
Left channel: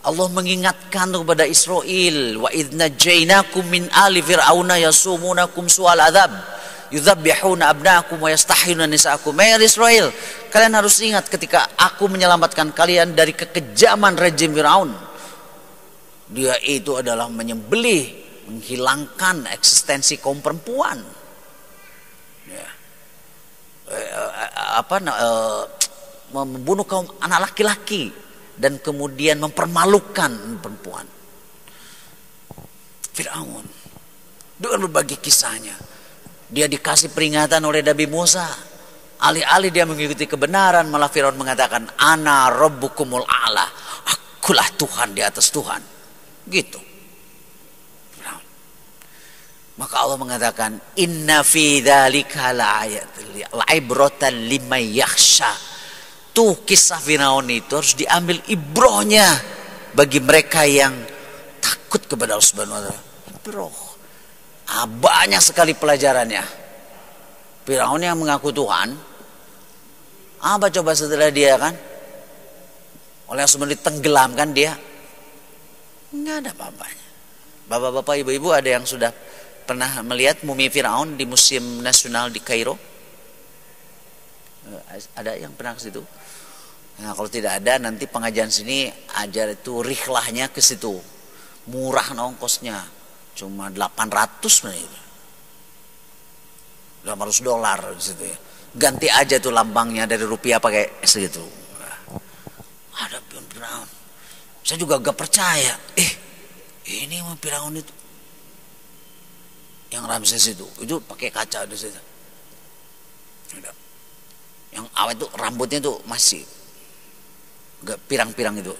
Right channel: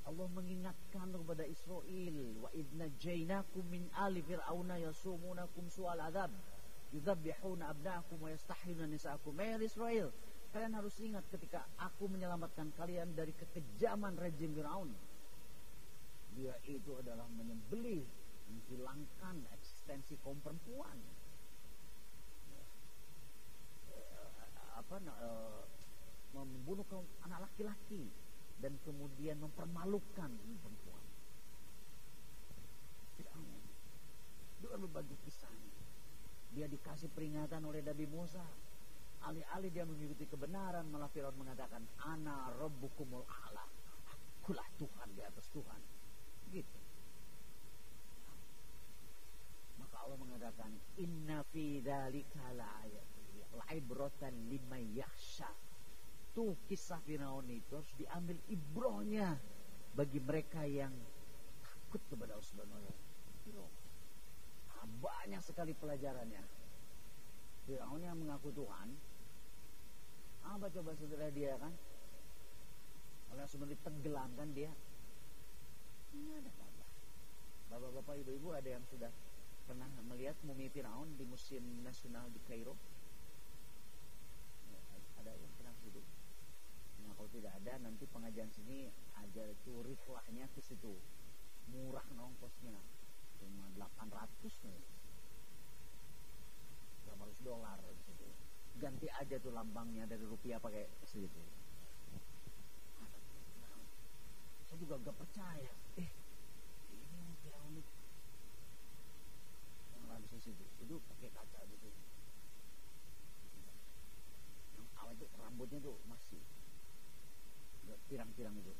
Allah mengingatkan kepada Israel, wa idna jainakum min ali fir'auna yasumunakum su'al adzab yudzabbihuna abnaakum wa yastahiyuna nisaakum. Israel, kalian harus ingat ketika aku menyelamatkan kalian dari kekejaman rejim Firaun. Dia itu adalah menyembelih, menghilangkan eksistensi kaum perempuan. Ya. Membunuh kaum anak laki-laki. Dan kemudian mempermalukan perempuan. Fir'aun dengan berbagai kisahnya. Dia dikasih peringatan oleh Nabi Musa. Alih-alih dia mengikuti kebenaran, malah Firaun mengatakan, ana rabbukumul a'la, akulah Tuhan di atas Tuhan. Gitu. Maka Allah mengatakan, inna fi dzalika la'ibratan liman yakhsha. Tuh kisah Firaun itu harus diambil ibrohnya bagi mereka yang takut kepada Allah Subhanahu wa taala. Ibroh. Banyak sekali pelajarannya. Firaun yang mengaku Tuhan, apa coba setelah dia kan? Oleh Allah Subhanahu ditenggelamkan dia. Enggak ada apa-apanya. Bapak-bapak, ibu-ibu, ada yang sudah pernah melihat mumi Firaun di Museum Nasional di Kairo? Ada yang pernah ke situ? Nah, kalau tidak ada, nanti pengajian sini ajar itu rihlahnya ke situ. Murah ongkosnya, cuma 800 menit. $800 di situ ya. Ganti aja tuh lambangnya dari rupiah pakai segitu. Ada Firaun. Saya juga gak percaya. Ini Firaun itu. Yang Ramses itu pakai kaca di situ. Yang awet itu rambutnya tuh masih gak pirang-pirang itu.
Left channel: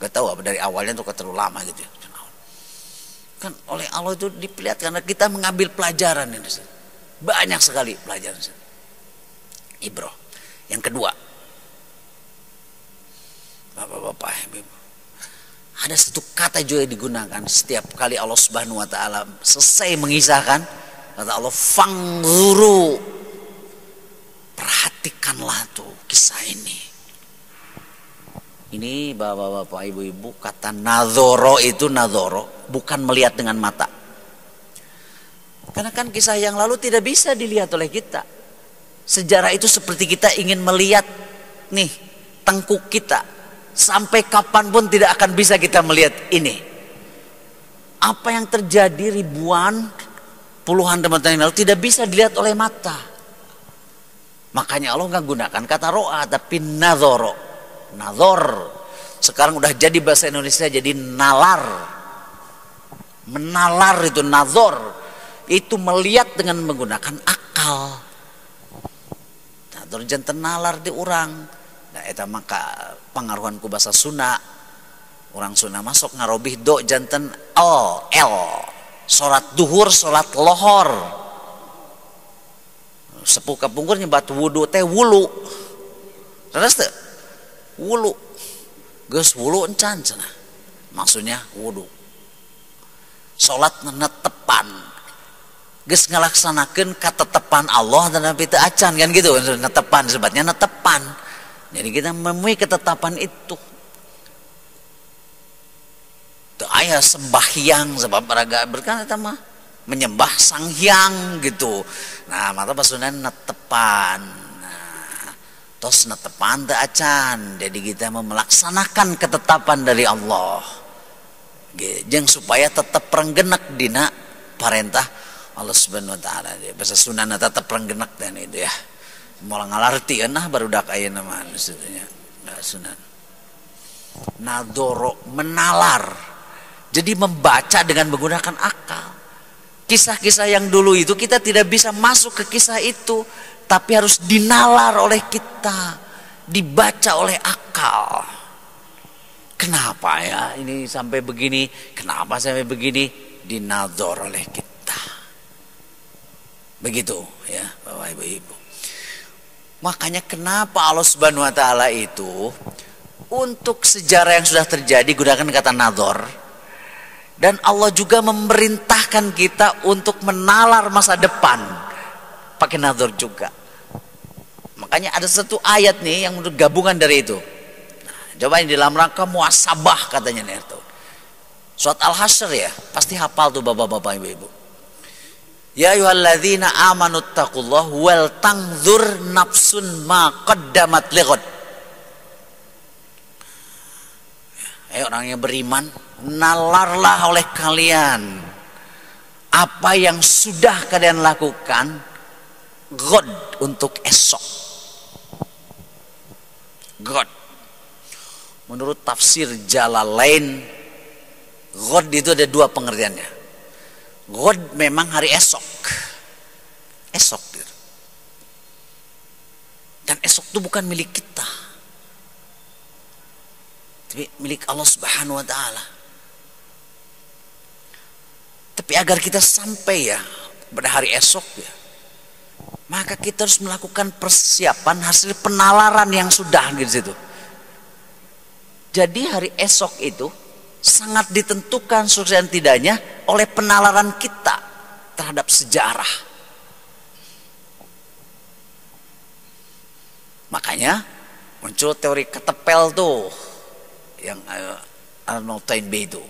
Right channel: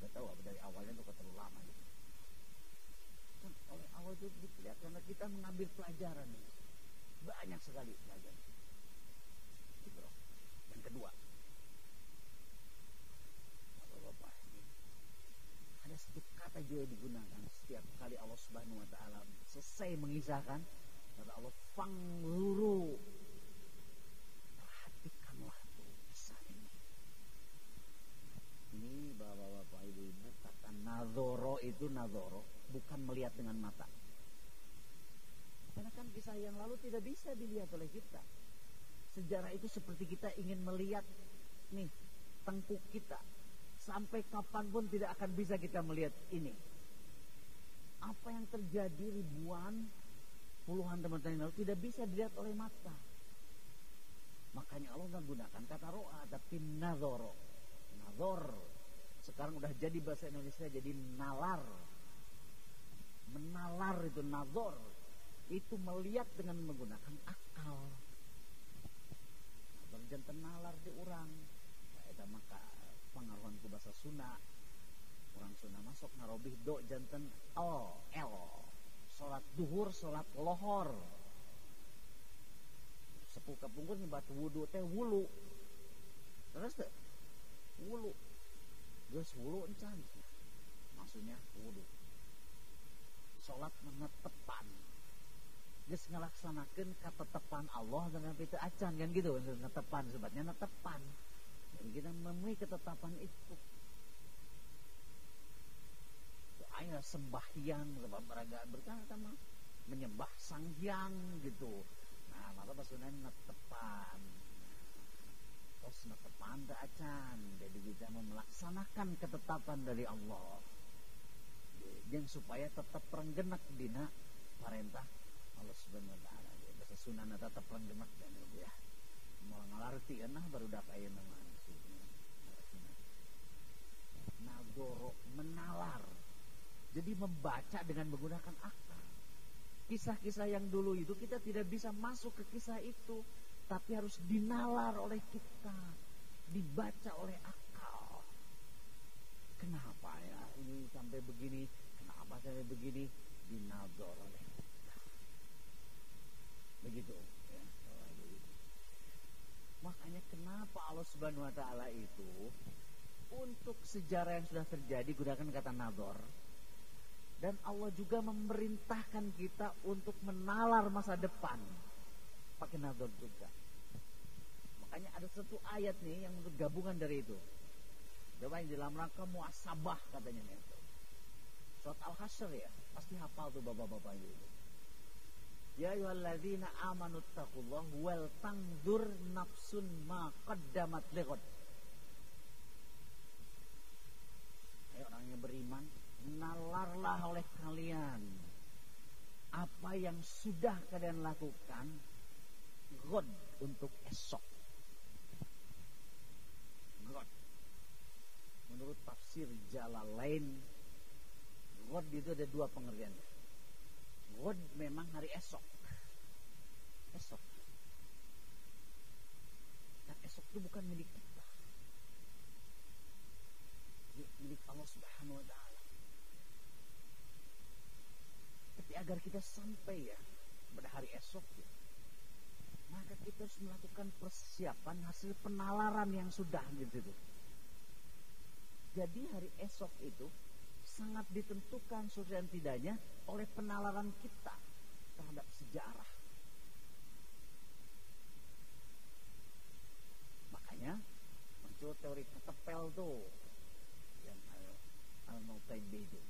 Gak tahu apa dari awalnya tuh terlalu lama gitu ya. Kan oleh Allah itu diperlihatkan karena kita mengambil pelajaran ini. Banyak sekali pelajaran. Ibroh. Yang kedua, bapak-bapak, ibu, ada satu kata juga digunakan setiap kali Allah Subhanahu wa taala selesai mengisahkan, kata Allah, fangzuru, perhatikanlah tuh kisah ini. Ini bapak-bapak, ibu-ibu, kata nadhoro itu nadhoro, bukan melihat dengan mata. Karena kan kisah yang lalu tidak bisa dilihat oleh kita. Sejarah itu seperti kita ingin melihat nih tengkuk kita. Sampai kapanpun tidak akan bisa kita melihat ini. Apa yang terjadi ribuan, puluhan tahun yang lalu tidak bisa dilihat oleh mata. Makanya Allah nggak gunakan kata ro'a, tapi nadhoro. Nadhor. Sekarang udah jadi bahasa Indonesia jadi nalar. Menalar itu nadhor. Itu melihat dengan menggunakan akal. Nadhor jantan nalar di orang. Nah, itu maka pengaruhan ku bahasa Sunda. Orang Sunda masuk ngarobih do jantan el. Salat duhur, salat lohor. Sepuh kapungkur nyebat wudu teh wulu. Terus teh wulu. Geus wulu encan cenah. Maksudnya wudu. Salat netepan. Geus ngalaksanakeun katetepan Allah dan teu acan kan gitu. Netepan sebabnya netepan. Jadi kita memenuhi ketetapan itu. Teu aya sembahyang sebab raga berkan eta mah menyembah Sang Hyang gitu. Nah, mata pasuna netepan. Nah, tos netepan teu acan. Jadi kita melaksanakan ketetapan dari Allah. Jeung supaya tetap renggenek dina parentah Allah Subhanahu wa taala. Bahasa Sunda tetap renggenek dan itu ya. Moal ngalartieun nah barudak ayeuna mah maksudnya. Nah, Sunan. Nadoro, menalar. Jadi membaca dengan menggunakan akal. Kisah-kisah yang dulu itu kita tidak bisa masuk ke kisah itu, tapi harus dinalar oleh kita, dibaca oleh akal. Kenapa ya ini sampai begini? Kenapa sampai begini? Dinador oleh kita. Begitu ya, Bapak Ibu. Makanya kenapa Allah Subhanahu wa taala itu untuk sejarah yang sudah terjadi gunakan kata nador. Dan Allah juga memerintahkan kita untuk menalar masa depan pakai nador juga. Makanya ada satu ayat nih yang menurut gabungan dari itu. Nah, coba ini dalam rangka muasabah katanya nih tuh. Surat Al-Hasyr ya, pasti hafal tuh bapak-bapak ibu-ibu. Ya ayyuhalladzina amanu taqullaha wal tanzur nafsun ma qaddamat lighad. Orang yang beriman, nalarlah oleh kalian apa yang sudah kalian lakukan God untuk esok. God. Menurut tafsir Jalalain, God itu ada dua pengertiannya. God memang hari esok. Esok. Dan esok itu bukan milik kita, tapi milik Allah Subhanahu wa taala. Tapi agar kita sampai ya pada hari esok ya, maka kita harus melakukan persiapan hasil penalaran yang sudah di situ. Jadi hari esok itu sangat ditentukan sukses dan tidaknya oleh penalaran kita terhadap sejarah. Makanya muncul teori ketepel tuh yang Arnold Toynbee itu.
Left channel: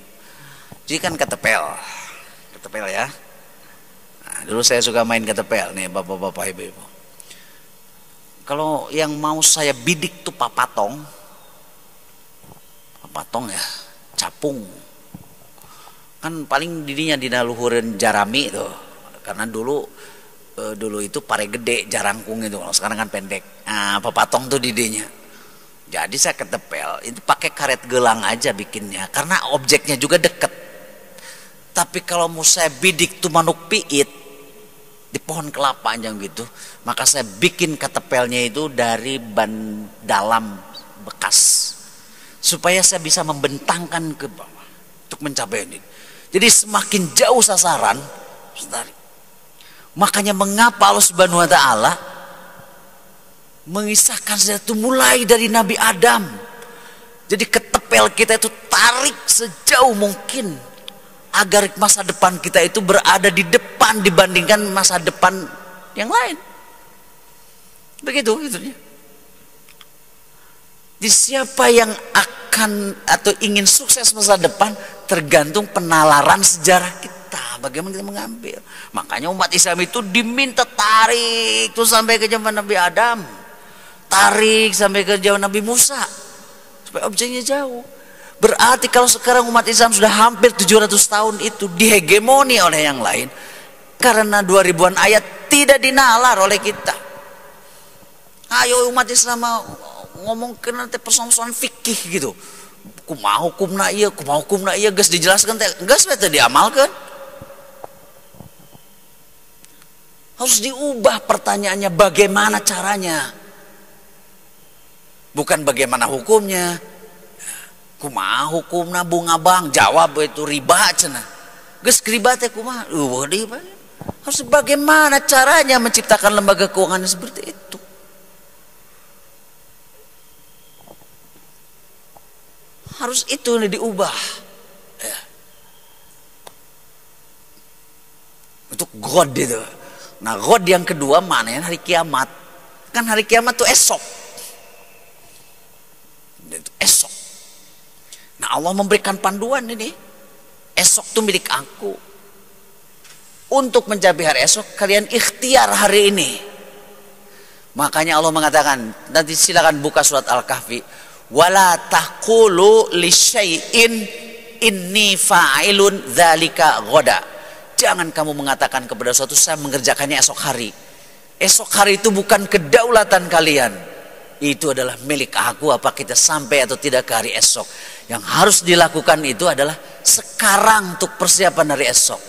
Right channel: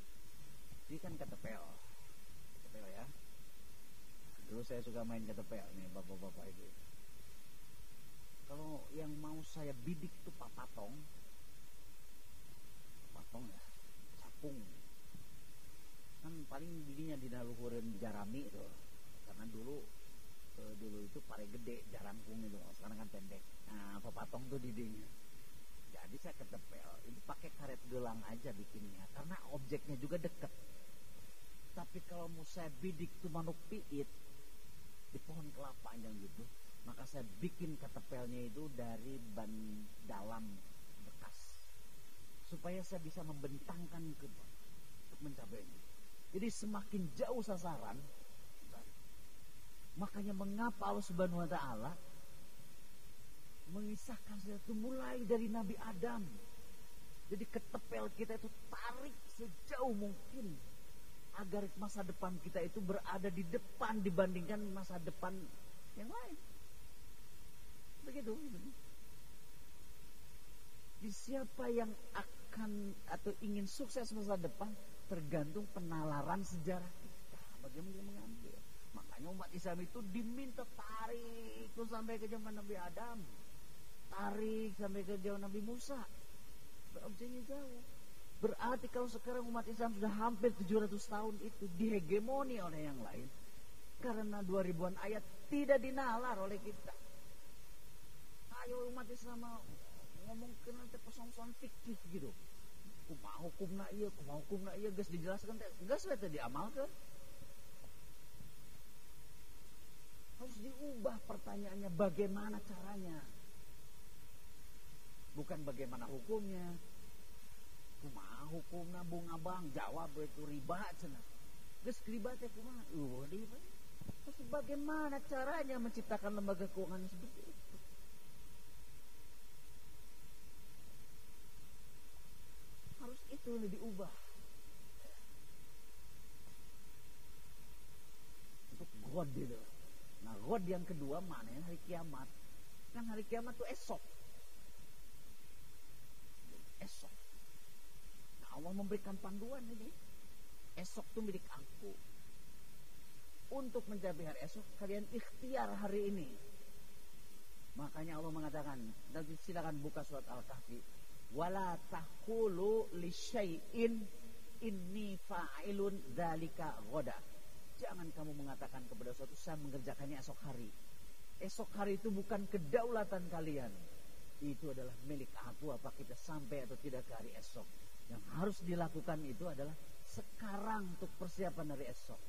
Jadi kan ketepel ya. Nah, dulu saya suka main ketepel nih bapak-bapak ibu-ibu. Kalau yang mau saya bidik tuh papatong ya, capung. Kan paling didinya dina luhureun jarami tuh. Karena dulu itu pare gede jarangkung itu, kalau sekarang kan pendek. Nah, papatong tuh didinya. Jadi saya ketepel itu pakai karet gelang aja bikinnya, karena objeknya juga deket. Tapi kalau mau saya bidik tuh manuk piit di pohon kelapa aja gitu, maka saya bikin ketepelnya itu dari ban dalam bekas, supaya saya bisa membentangkan ke bawah untuk mencapai ini. Jadi semakin jauh sasaran, makanya mengapa Allah Subhanahu wa taala mengisahkan sejarah itu mulai dari Nabi Adam. Jadi ketepel kita itu tarik sejauh mungkin agar masa depan kita itu berada di depan dibandingkan masa depan yang lain. Begitu itunya. Jadi siapa yang akan atau ingin sukses masa depan tergantung penalaran sejarah kita, bagaimana kita mengambil. Makanya umat Islam itu diminta tarik tuh sampai ke zaman Nabi Adam, tarik sampai ke zaman Nabi Musa, supaya objeknya jauh. Berarti kalau sekarang umat Islam sudah hampir 700 tahun itu dihegemoni oleh yang lain, karena 2000-an ayat tidak dinalar oleh kita. Ayo umat Islam ngomong ke nanti persoalan fikih gitu, kumaha hukumna ieu geus dijelaskan teh geus teh diamalkan. Harus diubah pertanyaannya, bagaimana caranya, bukan bagaimana hukumnya. Kumaha hukumna bunga bang, jawab itu riba cenah, geus riba teh kumaha riba. Harus bagaimana caranya menciptakan lembaga keuangan seperti itu. Harus itu yang diubah ya. Untuk God itu. Nah God yang kedua mana yang hari kiamat. Kan hari kiamat tuh esok. Itu esok. Nah Allah memberikan panduan ini. Esok tuh milik aku. Untuk mencapai hari esok kalian ikhtiar hari ini. Makanya Allah mengatakan, nanti silakan buka surat Al-Kahfi. Wala taqulu li syai'in inni fa'ilun dzalika ghoda. Jangan kamu mengatakan kepada suatu saya mengerjakannya esok hari. Esok hari itu bukan kedaulatan kalian. Itu adalah milik aku, apa kita sampai atau tidak ke hari esok. Yang harus dilakukan itu adalah sekarang untuk persiapan hari esok.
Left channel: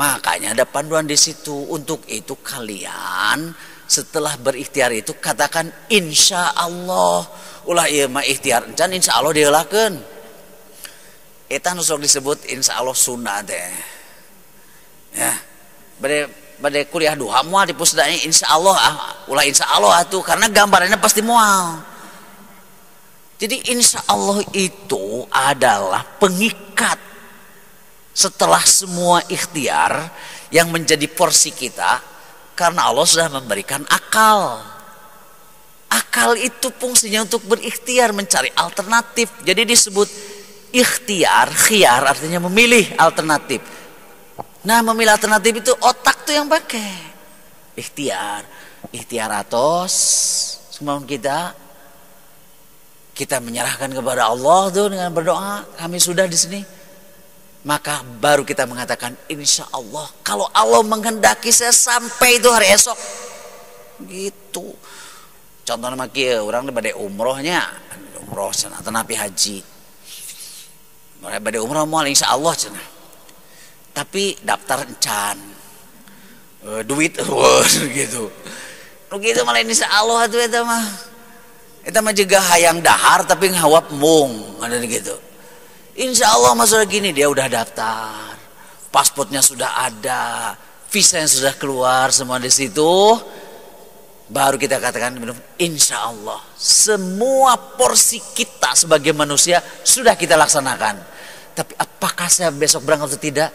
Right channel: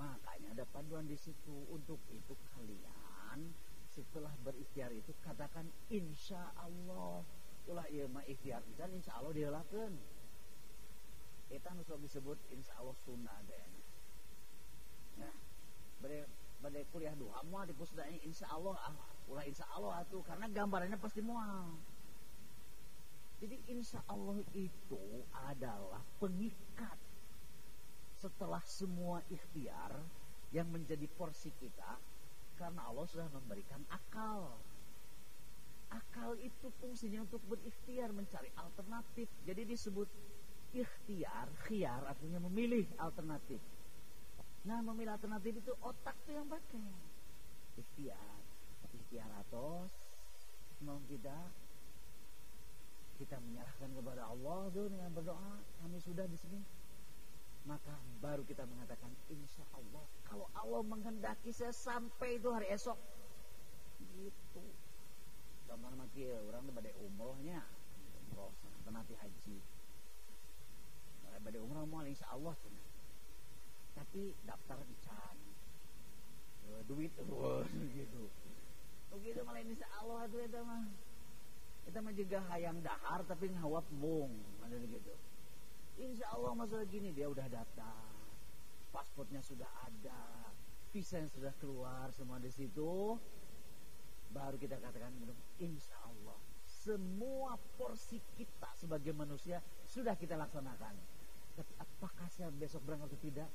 Makanya ada panduan di situ. Untuk itu kalian setelah berikhtiar itu katakan insya Allah. Ulah ieu mah ikhtiar encan insya Allah diheulakeun. Eta nu sok disebut insya Allah sunnah teh. Ya. Bade kuliah duha moal di pusdanya insya Allah ulah insya Allah atuh karena gambarannya pasti moal. Jadi insya Allah itu adalah pengikat setelah semua ikhtiar yang menjadi porsi kita, karena Allah sudah memberikan akal. Akal itu fungsinya untuk berikhtiar, mencari alternatif. Jadi disebut ikhtiar, khiyar artinya memilih alternatif. Nah memilih alternatif itu otak tuh yang pakai. Ikhtiar atos semauan kita menyerahkan kepada Allah tuh dengan berdoa. Kami sudah di sini. Maka baru kita mengatakan insya Allah. Kalau Allah menghendaki saya sampai itu hari esok. Gitu. Contohnya makia orang bade umrohnya, umroh cenah tenapi haji. Bade umroh moal insya Allah cenah. Tapi daftar encan. Duit gitu. Begitu malah insya Allah tuh itu mah. Itu mah juga hayang dahar tapi ngawap mung, ada gitu. Insya Allah masalah gini dia udah daftar, pasportnya sudah ada, visa yang sudah keluar semua di situ. Baru kita katakan insya Allah semua porsi kita sebagai manusia sudah kita laksanakan. Tapi apakah saya besok berangkat atau tidak?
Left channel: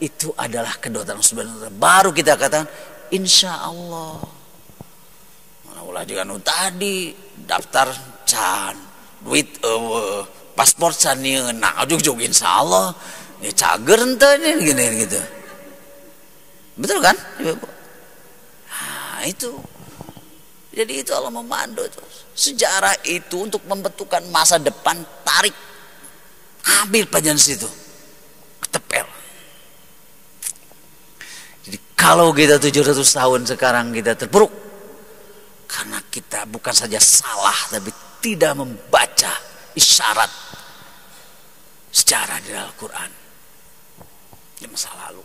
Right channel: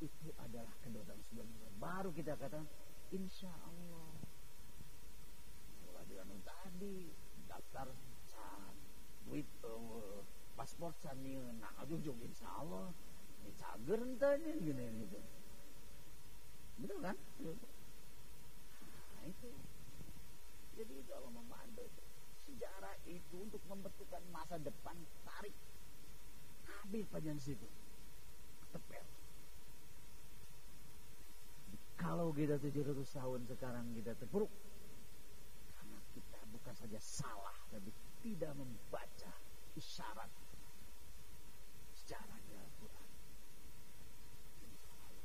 Itu adalah kedaulatan subhanahu. Baru kita katakan insya Allah. Mana ulah juga tadi daftar can, duit paspor can nah ujug insya Allah. Ini cager ente gini gitu. Betul kan? Nah itu. Jadi itu Allah memandu itu. Sejarah itu untuk membentukkan masa depan, tarik, ambil pelajaran situ, ketepel. Jadi kalau kita 700 tahun sekarang kita terpuruk karena kita bukan saja salah tapi tidak membaca isyarat sejarah di Al-Quran di masa lalu.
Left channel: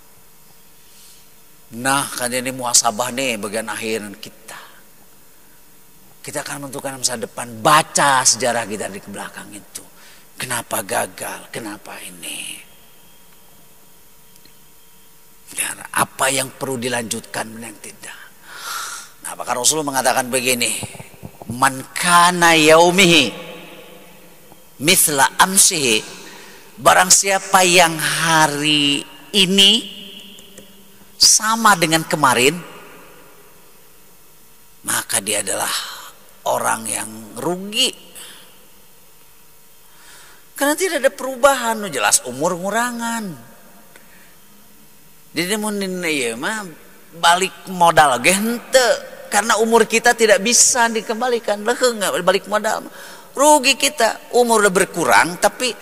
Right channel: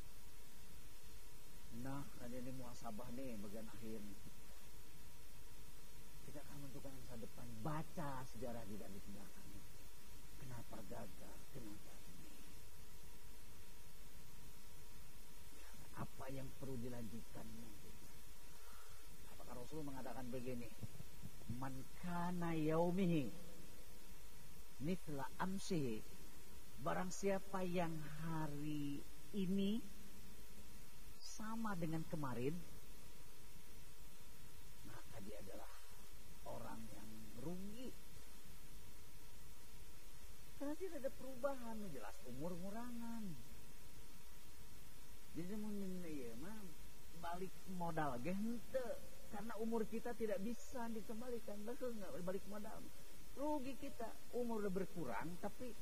Nah kan ini muhasabah nih bagian akhir kita. Kita akan menentukan masa depan, baca sejarah kita di belakang itu. Kenapa gagal, kenapa ini. Dan apa yang perlu dilanjutkan dan yang tidak. Nah maka Rasulullah mengatakan begini. Man kana yaumihi mithla amsihi. Barang siapa yang hari ini sama dengan kemarin. Maka dia adalah orang yang rugi. Karena tidak ada perubahan, jelas umur ngurangan. Jadi mungkin ya mah balik modal ge henteu karena umur kita tidak bisa dikembalikan. Leung balik modal. Rugi kita, umur udah berkurang tapi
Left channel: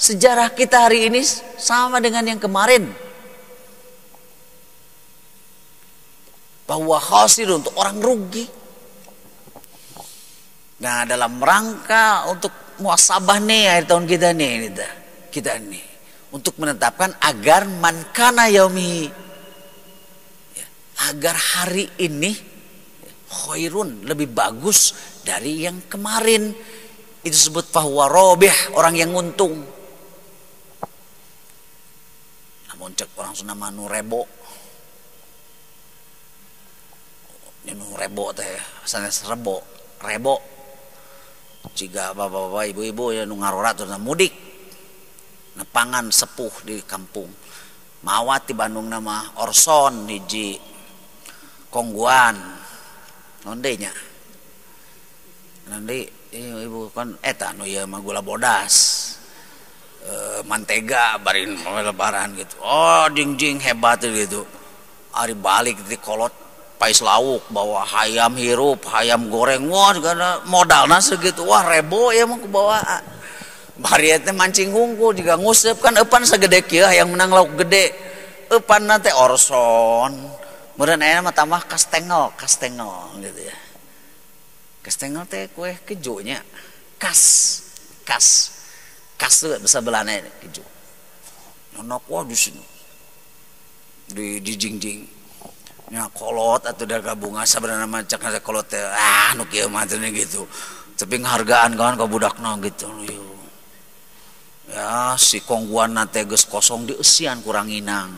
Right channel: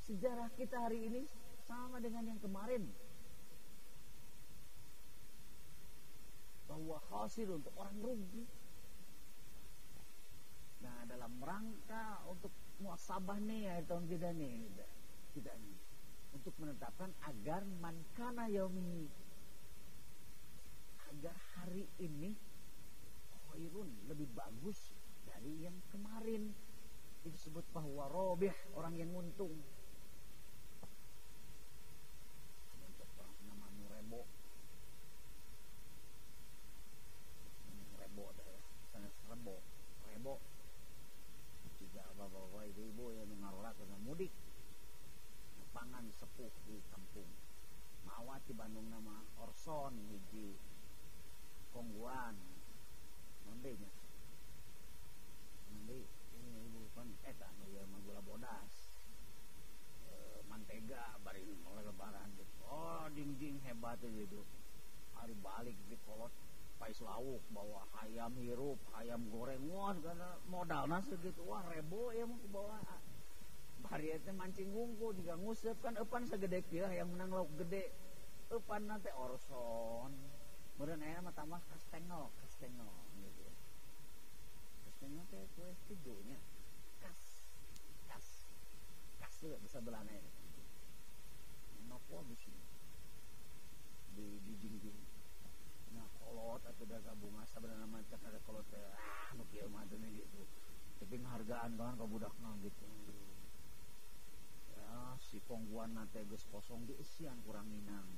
sejarah kita hari ini sama dengan yang kemarin. Bahwa khasir untuk orang rugi. Nah dalam rangka untuk muhasabah nih akhir tahun kita nih untuk menetapkan agar man kana yaumi ya, agar hari ini khairun lebih bagus dari yang kemarin. Itu disebut fahuwa robih, orang yang untung. Namun cek orang Sunda manu rebo. Nu rebo teh sanes rebo. Jika bapak-bapak ibu-ibu ya nu ngarora terus mudik nepangan sepuh di kampung mawat di Bandung nama Orson hiji kongguan nondenya nanti ibu kan eta nu ya mah gula bodas mantega barin lebaran gitu oh jing hebat gitu ari balik di kolot pais lauk bawa hayam hirup hayam goreng wah karena modalna segitu wah rebo ya mau bawa bari teh mancing hungkul juga ngusep kan eupan sagede kieu yang menang lauk gede eupan teh Orson meureun aya mah tambah kastengel gitu ya kastengel teh kue kejunya kas itu bahasa Belanda keju nonok wah di sini di jing nya kolot atau daga bunga sebenarnya macam ada kolot nu kieu mah gitu tapi nghargaan kan ka budakna gitu ya si kongguan nate geus kosong dieusian kurang inang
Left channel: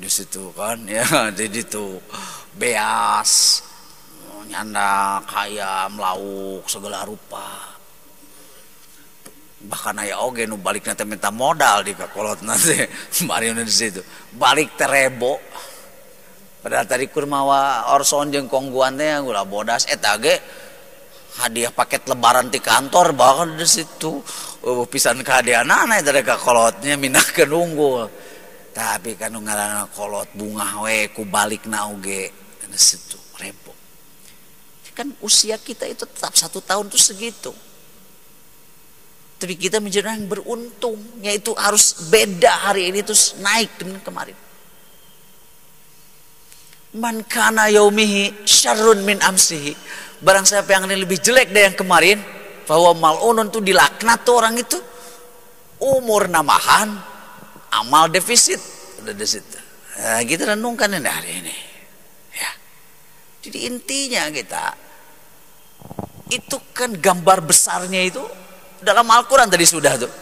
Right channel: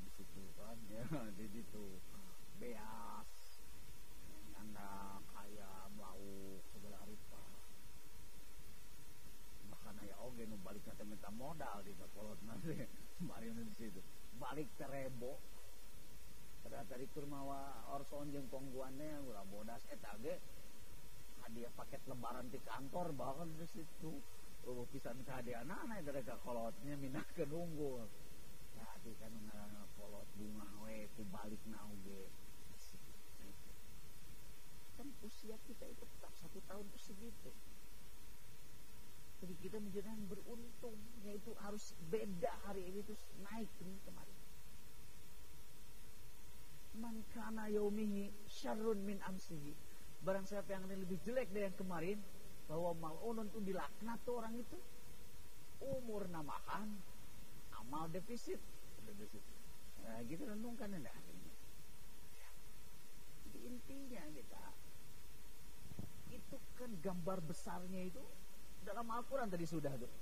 di situ kan ya di situ beas nyandak hayam lauk segala rupa bahkan aya oge nu balik nanti minta modal di kolot nanti bari di situ balik terebo padahal tadi kurmawa Orson jeung kongguan teh gula bodas eta ge hadiah paket lebaran di kantor bahkan di situ pisan kahadiahna eta ka kolotnya minahkeun unggul tapi kan ngaranna kolot bunga we ku balikna oge di situ rebo kan usia kita itu tetap 1 tahun tuh segitu tapi kita menjadi orang yang beruntung yaitu harus beda hari ini terus naik dengan kemarin. Man kana yaumihi syarrun min amsihi. Barang siapa yang lebih jelek dari yang kemarin, bahwa mal'unun tuh dilaknat tuh orang itu. Umur namahan, amal defisit. Udah di situ. Nah, kita renungkan ini hari ini. Ya. Jadi intinya itu kan gambar besarnya itu dalam Al-Quran tadi sudah tuh.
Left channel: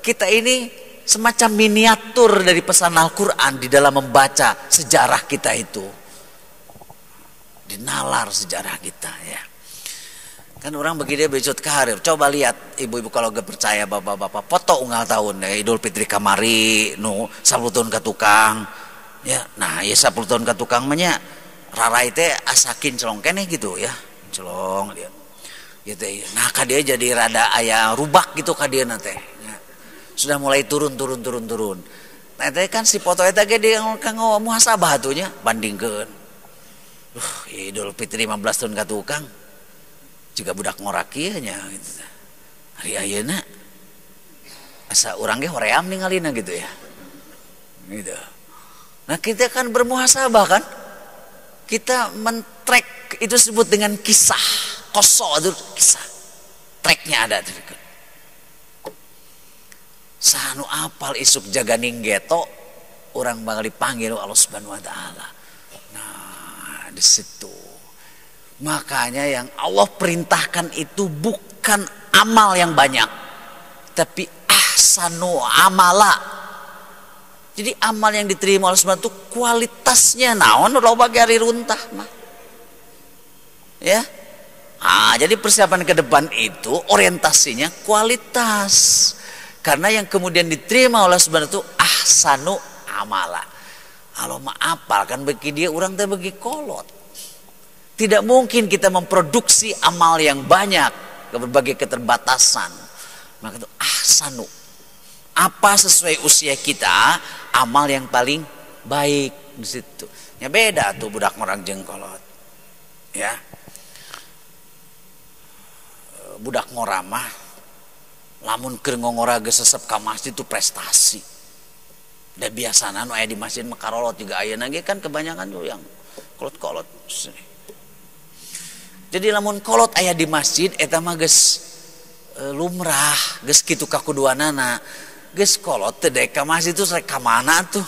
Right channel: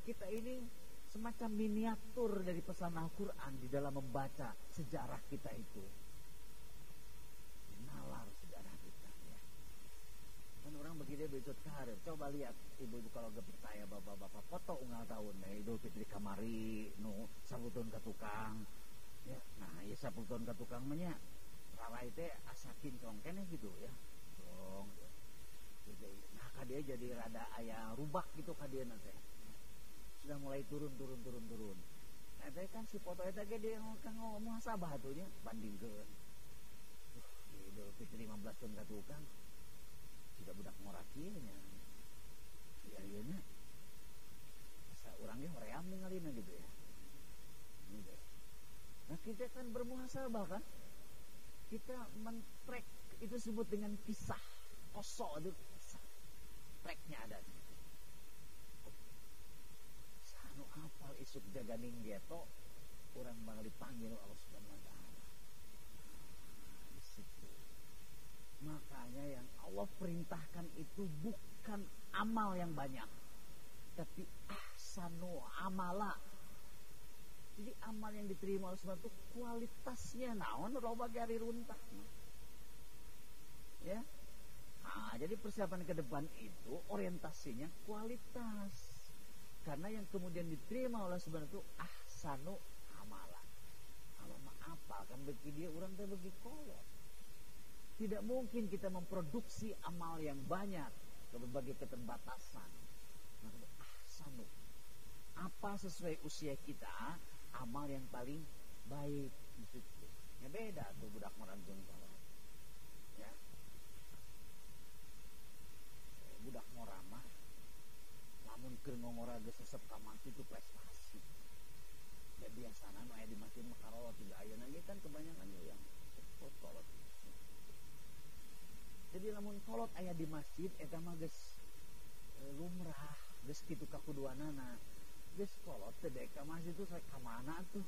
Kita ini semacam miniatur dari pesan Al-Quran di dalam membaca sejarah kita itu. Dinalar sejarah kita ya. Kan orang begini besok karir. Coba lihat ibu-ibu kalau gak percaya, bapak-bapak foto unggal tahun ya, Idul Fitri kamari nu 10 tahun ke tukang. Ya, nah ya 10 tahun ke tukang menya rarai teh asakin celong keneh gitu ya. Celong dia. Gitu ya. Nah kadia jadi rada aya rubak gitu kadia teh. Ya. Sudah mulai turun. Nah teh kan si foto eta ge dia kanggo muhasabah atunya bandingkeun. Idul Fitri 15 tahun ke tukang. Juga budak ngorak ieu nya gitu. Hari ayeuna asa urang ge hoream ningalina gitu ya. Gitu. Nah kita kan bermuhasabah kan. Kita men-track itu disebut dengan kisah. Koso itu kisah. Tracknya ada. Sanu apal isuk jaga ninggeto. Orang bakal dipanggil Allah Subhanahu wa ta'ala. Nah di situ. Makanya yang Allah perintahkan itu bukan amal yang banyak. Tapi ahsanu amala. Jadi amal yang diterima oleh Allah itu kualitasnya naon lo bagi hari runtah mah. Ya. Ah, jadi persiapan ke depan itu orientasinya kualitas. Karena yang kemudian diterima oleh Allah itu ahsanu amala. Kalau mah apal kan bagi dia orang teh bagi kolot. Tidak mungkin kita memproduksi amal yang banyak ke berbagai keterbatasan. Maka itu ahsanu. Apa sesuai usia kita, amal yang paling baik di situ. Ya beda tuh budak orang jengkolot. Ya. Budak ngoramah lamun keur ngongora geus sesep ka masjid itu prestasi. Da biasana nu aya di masjid makarolot juga ayeuna ge kan kebanyakan tuh yang kolot-kolot. Jadi lamun kolot aya di masjid eta mah geus lumrah, geus kitu kakuduanana. Geus kolot teh dek ka masjid itu rek ka mana tuh?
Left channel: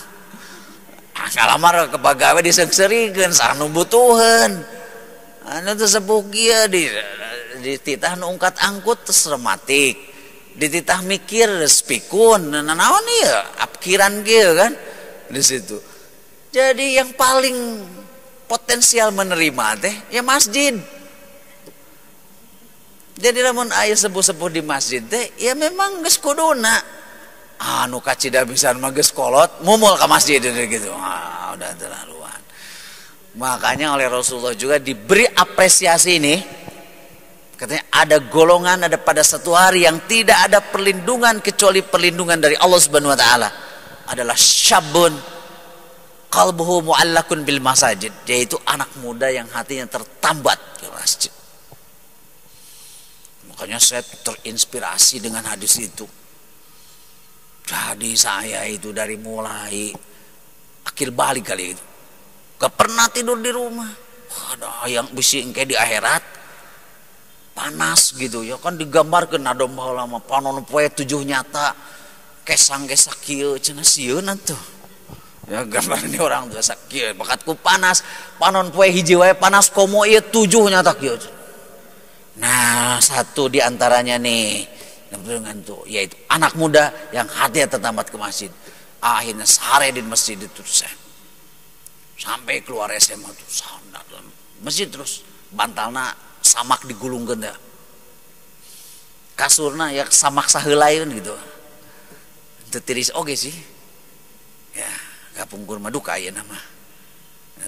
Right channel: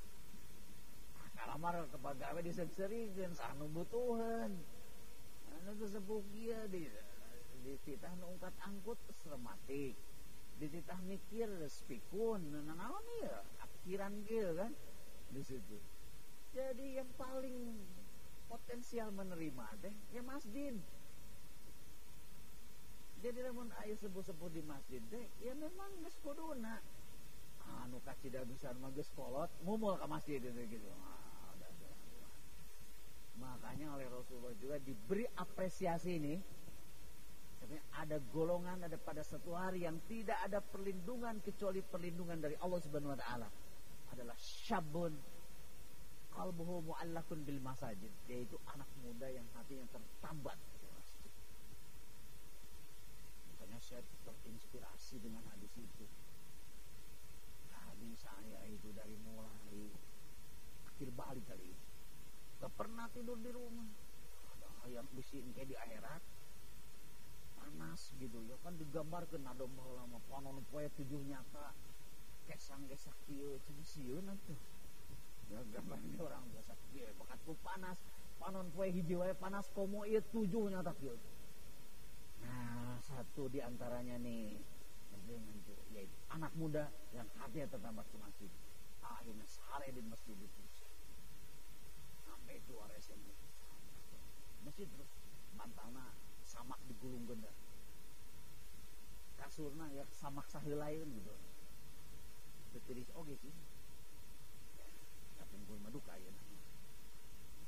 Kalamar ke pagawe disengsirikeun sanu butuheun. Anu teh sepuh kieu di titah nu ungkat angkut teh rematik. Di titah mikir spikun. Naon ieu? Apkiran kieu kan di situ. Jadi yang paling potensial menerima teh ya masjid. Jadi lamun aya sepuh-sepuh di masjid teh ya memang geus kuduna anu kacida pisan mah geus kolot mumul ka masjid gitu. Udah terlaluan. Makanya oleh Rasulullah juga diberi apresiasi ini. Katanya ada golongan ada pada satu hari yang tidak ada perlindungan kecuali perlindungan dari Allah Subhanahu wa taala. Adalah syabun qalbuhu mu'allakun bil masajid, yaitu anak muda yang hatinya tertambat ke masjid. Makanya saya terinspirasi dengan hadis itu. Jadi saya itu dari mulai akhir balik kali itu gak pernah tidur di rumah. Ada yang bisi engke di akhirat panas gitu ya kan digambarkeun ada baheula mah panon poe 7 nyata kesang-kesak kieu cenah sieun atuh. Ya gambarnya orang tuh sakieu bakatku panas panon poe hiji wae panas komo ieu 7 nyata kieu. Nah, satu di antaranya nih dengan tuh yaitu anak muda yang hati tertambat ke masjid. Akhirnya sehari di masjid itu sampai keluar SMA tuh sana dalam masjid terus bantalna samak digulungkeun da. Kasurna ya samak saheulaeun gitu. Teu tiris oge sih. Ya, gapungkur mah duka ayeuna mah.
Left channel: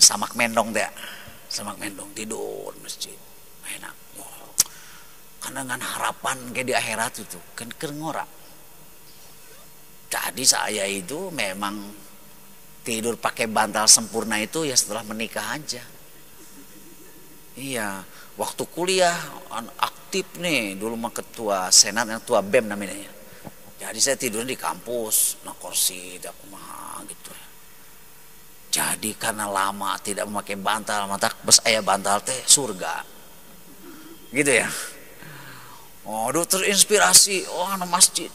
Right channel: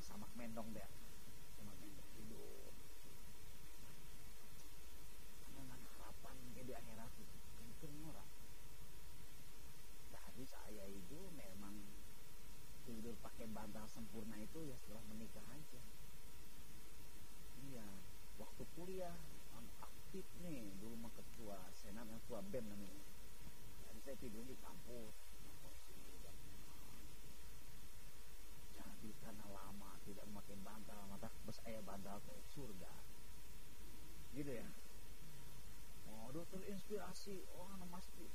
Samak mendong teh. Samak mendong tidur masjid. Enak. Karena dengan harapan kayak di akhirat itu kan ngora. Jadi saya itu memang tidur pakai bantal sempurna itu ya setelah menikah aja. Iya, waktu kuliah aktif nih dulu mah ketua senat yang ketua BEM namanya. Jadi saya tidur di kampus, nah kursi aku mah gitu. Jadi karena lama tidak memakai bantal, mata bes aya bantal teh surga. Gitu ya. Oh, aduh terinspirasi, anak masjid.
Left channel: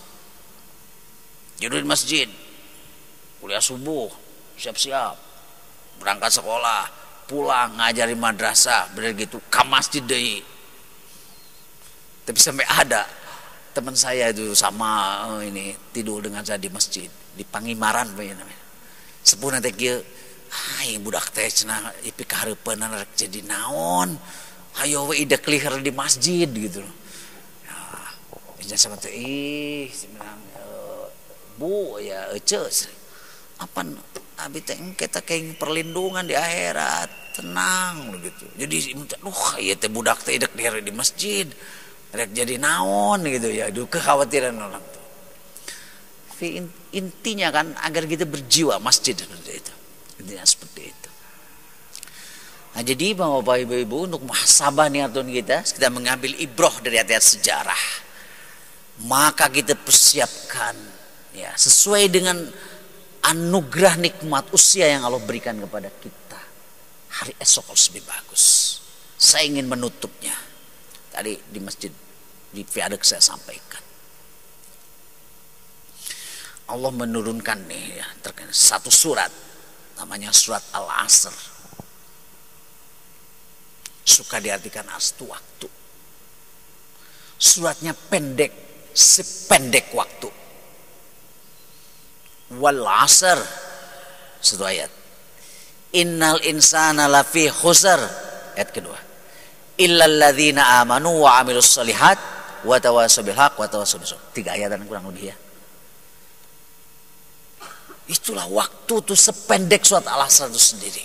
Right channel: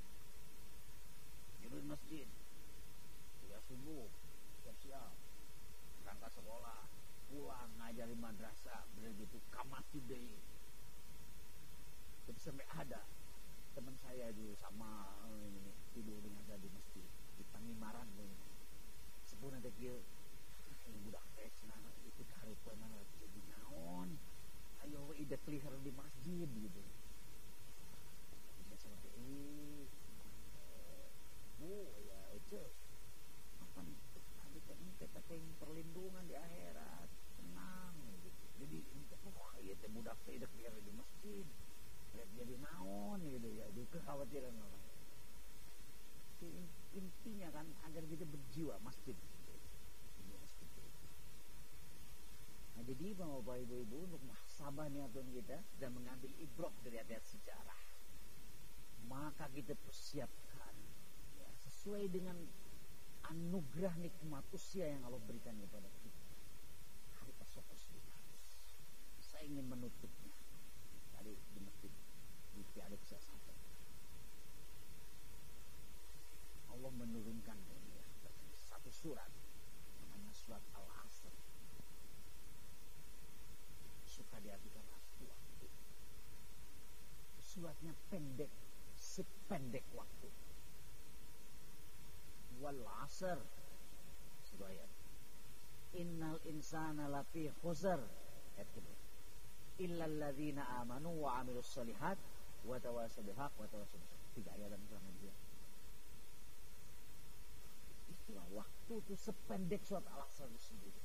Tidur di masjid. Kuliah subuh, siap-siap. Berangkat sekolah, pulang ngajari madrasah bener gitu ke masjid deui. Tapi sampai ada teman saya itu sama ini tidur dengan saya di masjid di Pangimaran namanya. Sepuh nanti kieu, ai budak teh cenah ipi kahareupeun rek jadi naon. Hayo we ida kelihar di masjid gitu loh. Ya, sama teh bilang Bu ya ece apa abi teh kita kayak perlindungan di akhirat tenang gitu. Jadi ieu teh budak teh ida kelihar di masjid. Rek jadi naon gitu ya, itu kekhawatiran orang tuh. Intinya kan agar kita berjiwa masjid seperti itu. Intinya seperti itu. Nah jadi Bapak Ibu untuk muhasabah niatun kita mengambil ibroh dari ayat sejarah. Maka kita persiapkan ya sesuai dengan anugerah nikmat usia yang Allah berikan kepada kita. Hari esok harus lebih bagus. Saya ingin menutupnya. Tadi di masjid di Viaduk saya sampaikan. Allah menurunkan nih ya satu surat namanya surat Al-Asr. Suka diartikan as itu waktu. Suratnya pendek, sependek waktu. Wal asr satu ayat. Innal insana lafi khusr ayat kedua. Illal ladzina amanu wa amilus solihat wa tawassaw bil haq wa tawassaw bis sabr. 3 ayatan kurang lebih ya. Itulah waktu tuh sependek surat Al-Asr itu sendiri.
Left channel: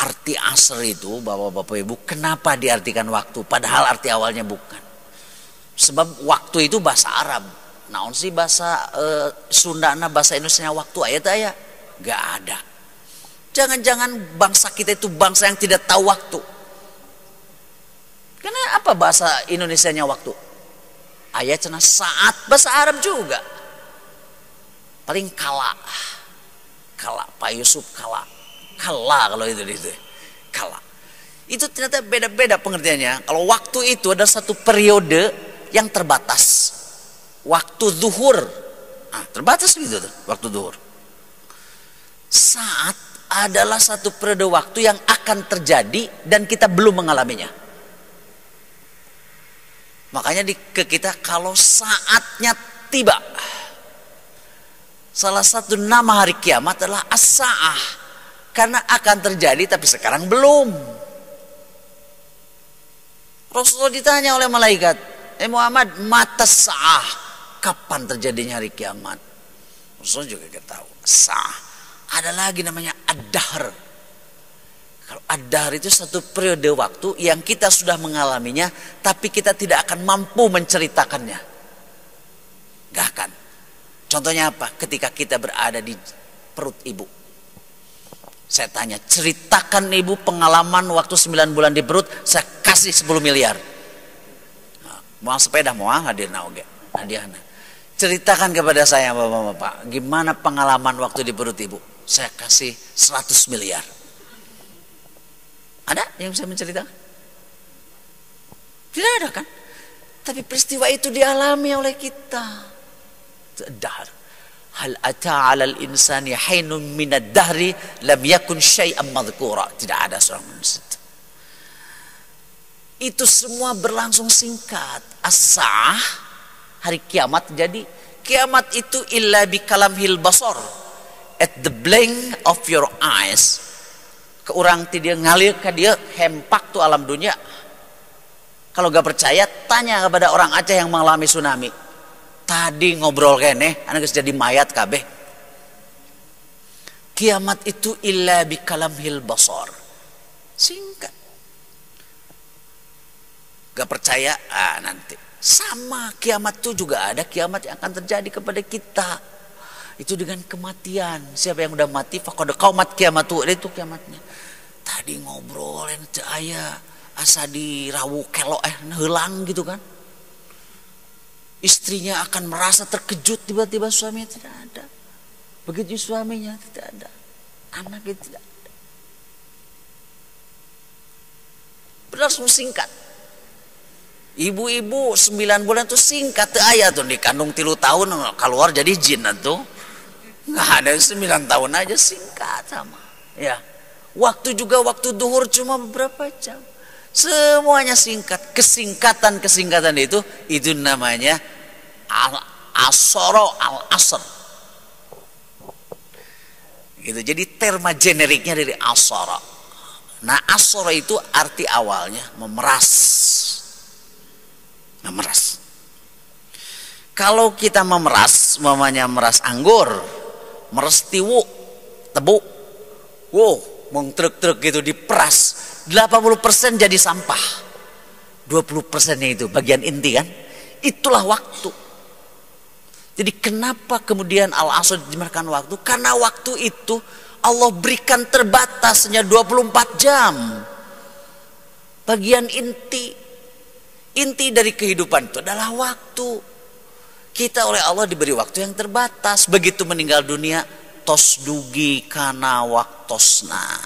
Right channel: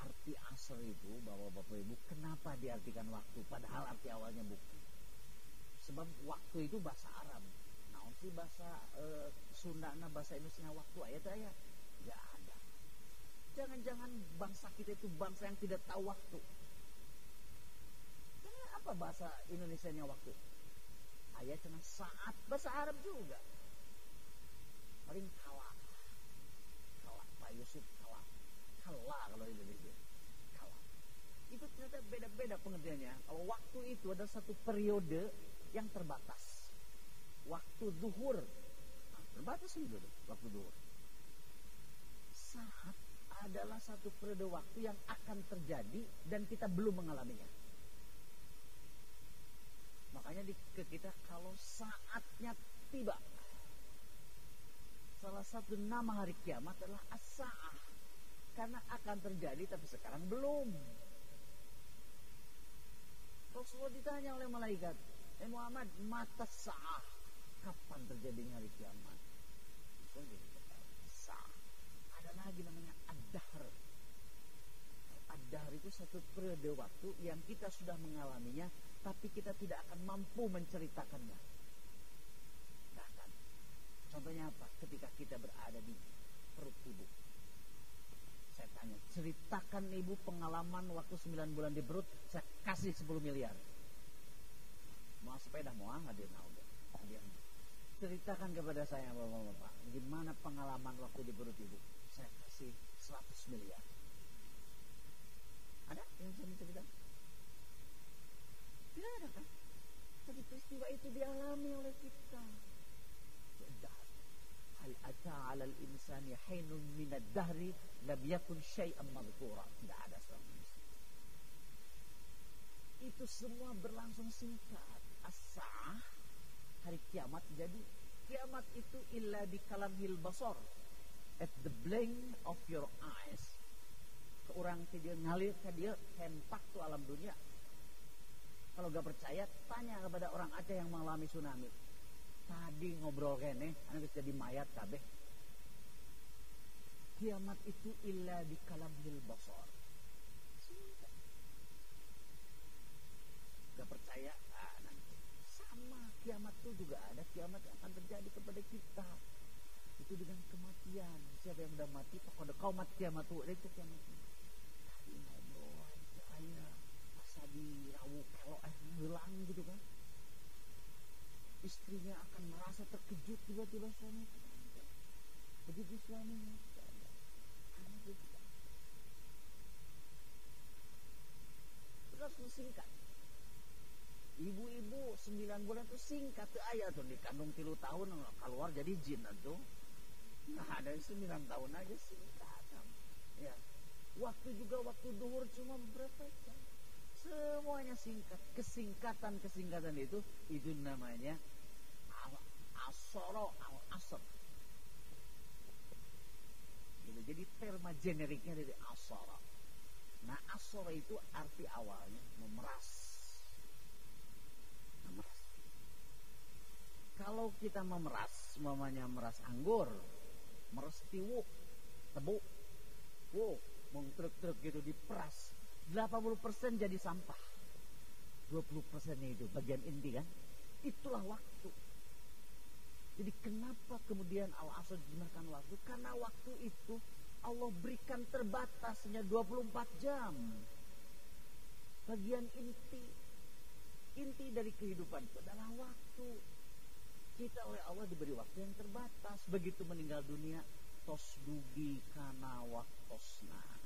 Arti asr itu Bapak-bapak Ibu kenapa diartikan waktu padahal arti awalnya bukan. Sebab waktu itu bahasa Arab. Naon sih bahasa Sundana bahasa Indonesianya waktu ayat enggak ada. Jangan-jangan bangsa kita itu bangsa yang tidak tahu waktu. Karena apa bahasa Indonesianya waktu? Ayat cenah saat, bahasa Arab juga. Paling kala. Kala, Pak Yusuf kala. Kala kalau itu. Kala. Itu ternyata beda-beda pengertiannya. Kalau waktu itu ada satu periode yang terbatas. Waktu zuhur. Nah, terbatas gitu tuh, waktu zuhur. Saat adalah satu periode waktu yang akan terjadi dan kita belum mengalaminya. Makanya ke kita kalau saatnya tiba. Salah satu nama hari kiamat adalah as-sa'ah. Karena akan terjadi tapi sekarang belum. Rasulullah ditanya oleh malaikat, Muhammad, mata sa'ah. Kapan terjadinya hari kiamat? Rasulullah juga gak tahu. Sa'ah. Ada lagi namanya ad-dahr. Kalau ad-dahr itu satu periode waktu yang kita sudah mengalaminya, tapi kita tidak akan mampu menceritakannya. Gak akan. Contohnya apa? Ketika kita berada di perut ibu. Saya tanya, ceritakan ibu pengalaman waktu 9 bulan di perut, saya kasih 10 miliar. Nah, mau sepeda, mau hadir naoge. Hadiahnya. Ceritakan kepada saya Bapak-bapak, gimana pengalaman waktu di perut ibu? Saya kasih 100 miliar. Ada yang bisa menceritakan? Tidak ada kan? Tapi peristiwa itu dialami oleh kita. Dahr. Hal ata 'alal insani hinun minad dahri lam yakun syai'an madhkura. Tidak ada seorang manusia. Itu semua berlangsung singkat. As-sa'ah, hari kiamat. Jadi kiamat itu illa bi kalamhil basar. At the blink of your eyes. Ke orang ti dia ngalir ke dia hempak tuh alam dunia. Kalau gak percaya tanya kepada orang Aceh yang mengalami tsunami. Tadi ngobrol kene anak geus jadi mayat kabeh. Kiamat itu illa bi kalamhil basar. Singkat. Gak percaya nanti. Sama kiamat itu juga ada kiamat yang akan terjadi kepada kita. Itu dengan kematian. Siapa yang udah mati faqad qaumat kiamatu, itu kiamatnya. Tadi ngobrol teu aya asa dirawu kelok heulang gitu kan. Istrinya akan merasa terkejut tiba-tiba suaminya tidak ada. Begitu suaminya tidak ada. Anaknya tidak ada. Berlangsung singkat. Ibu-ibu 9 bulan itu singkat teu aya tuh dikandung 3 tahun keluar jadi jin tuh. Nggak ada 9 tahun aja singkat sama. Ya, waktu juga waktu duhur cuma beberapa jam. Semuanya singkat. Kesingkatan itu namanya al-asoro al-asr. Gitu. Jadi terma generiknya dari asoro. Nah, asoro itu arti awalnya memeras. Memeras. Kalau kita memeras, mamanya meras anggur, meras tiwu, tebu, wow, mong truk-truk gitu diperas, 80% jadi sampah, 20%-nya itu bagian inti kan, itulah waktu. Jadi kenapa kemudian al-asr dimakan waktu? Karena waktu itu Allah berikan terbatasnya 24 jam. Bagian inti dari kehidupan itu adalah waktu. Kita oleh Allah diberi waktu yang terbatas. Begitu meninggal dunia, tos dugi kana waktosna.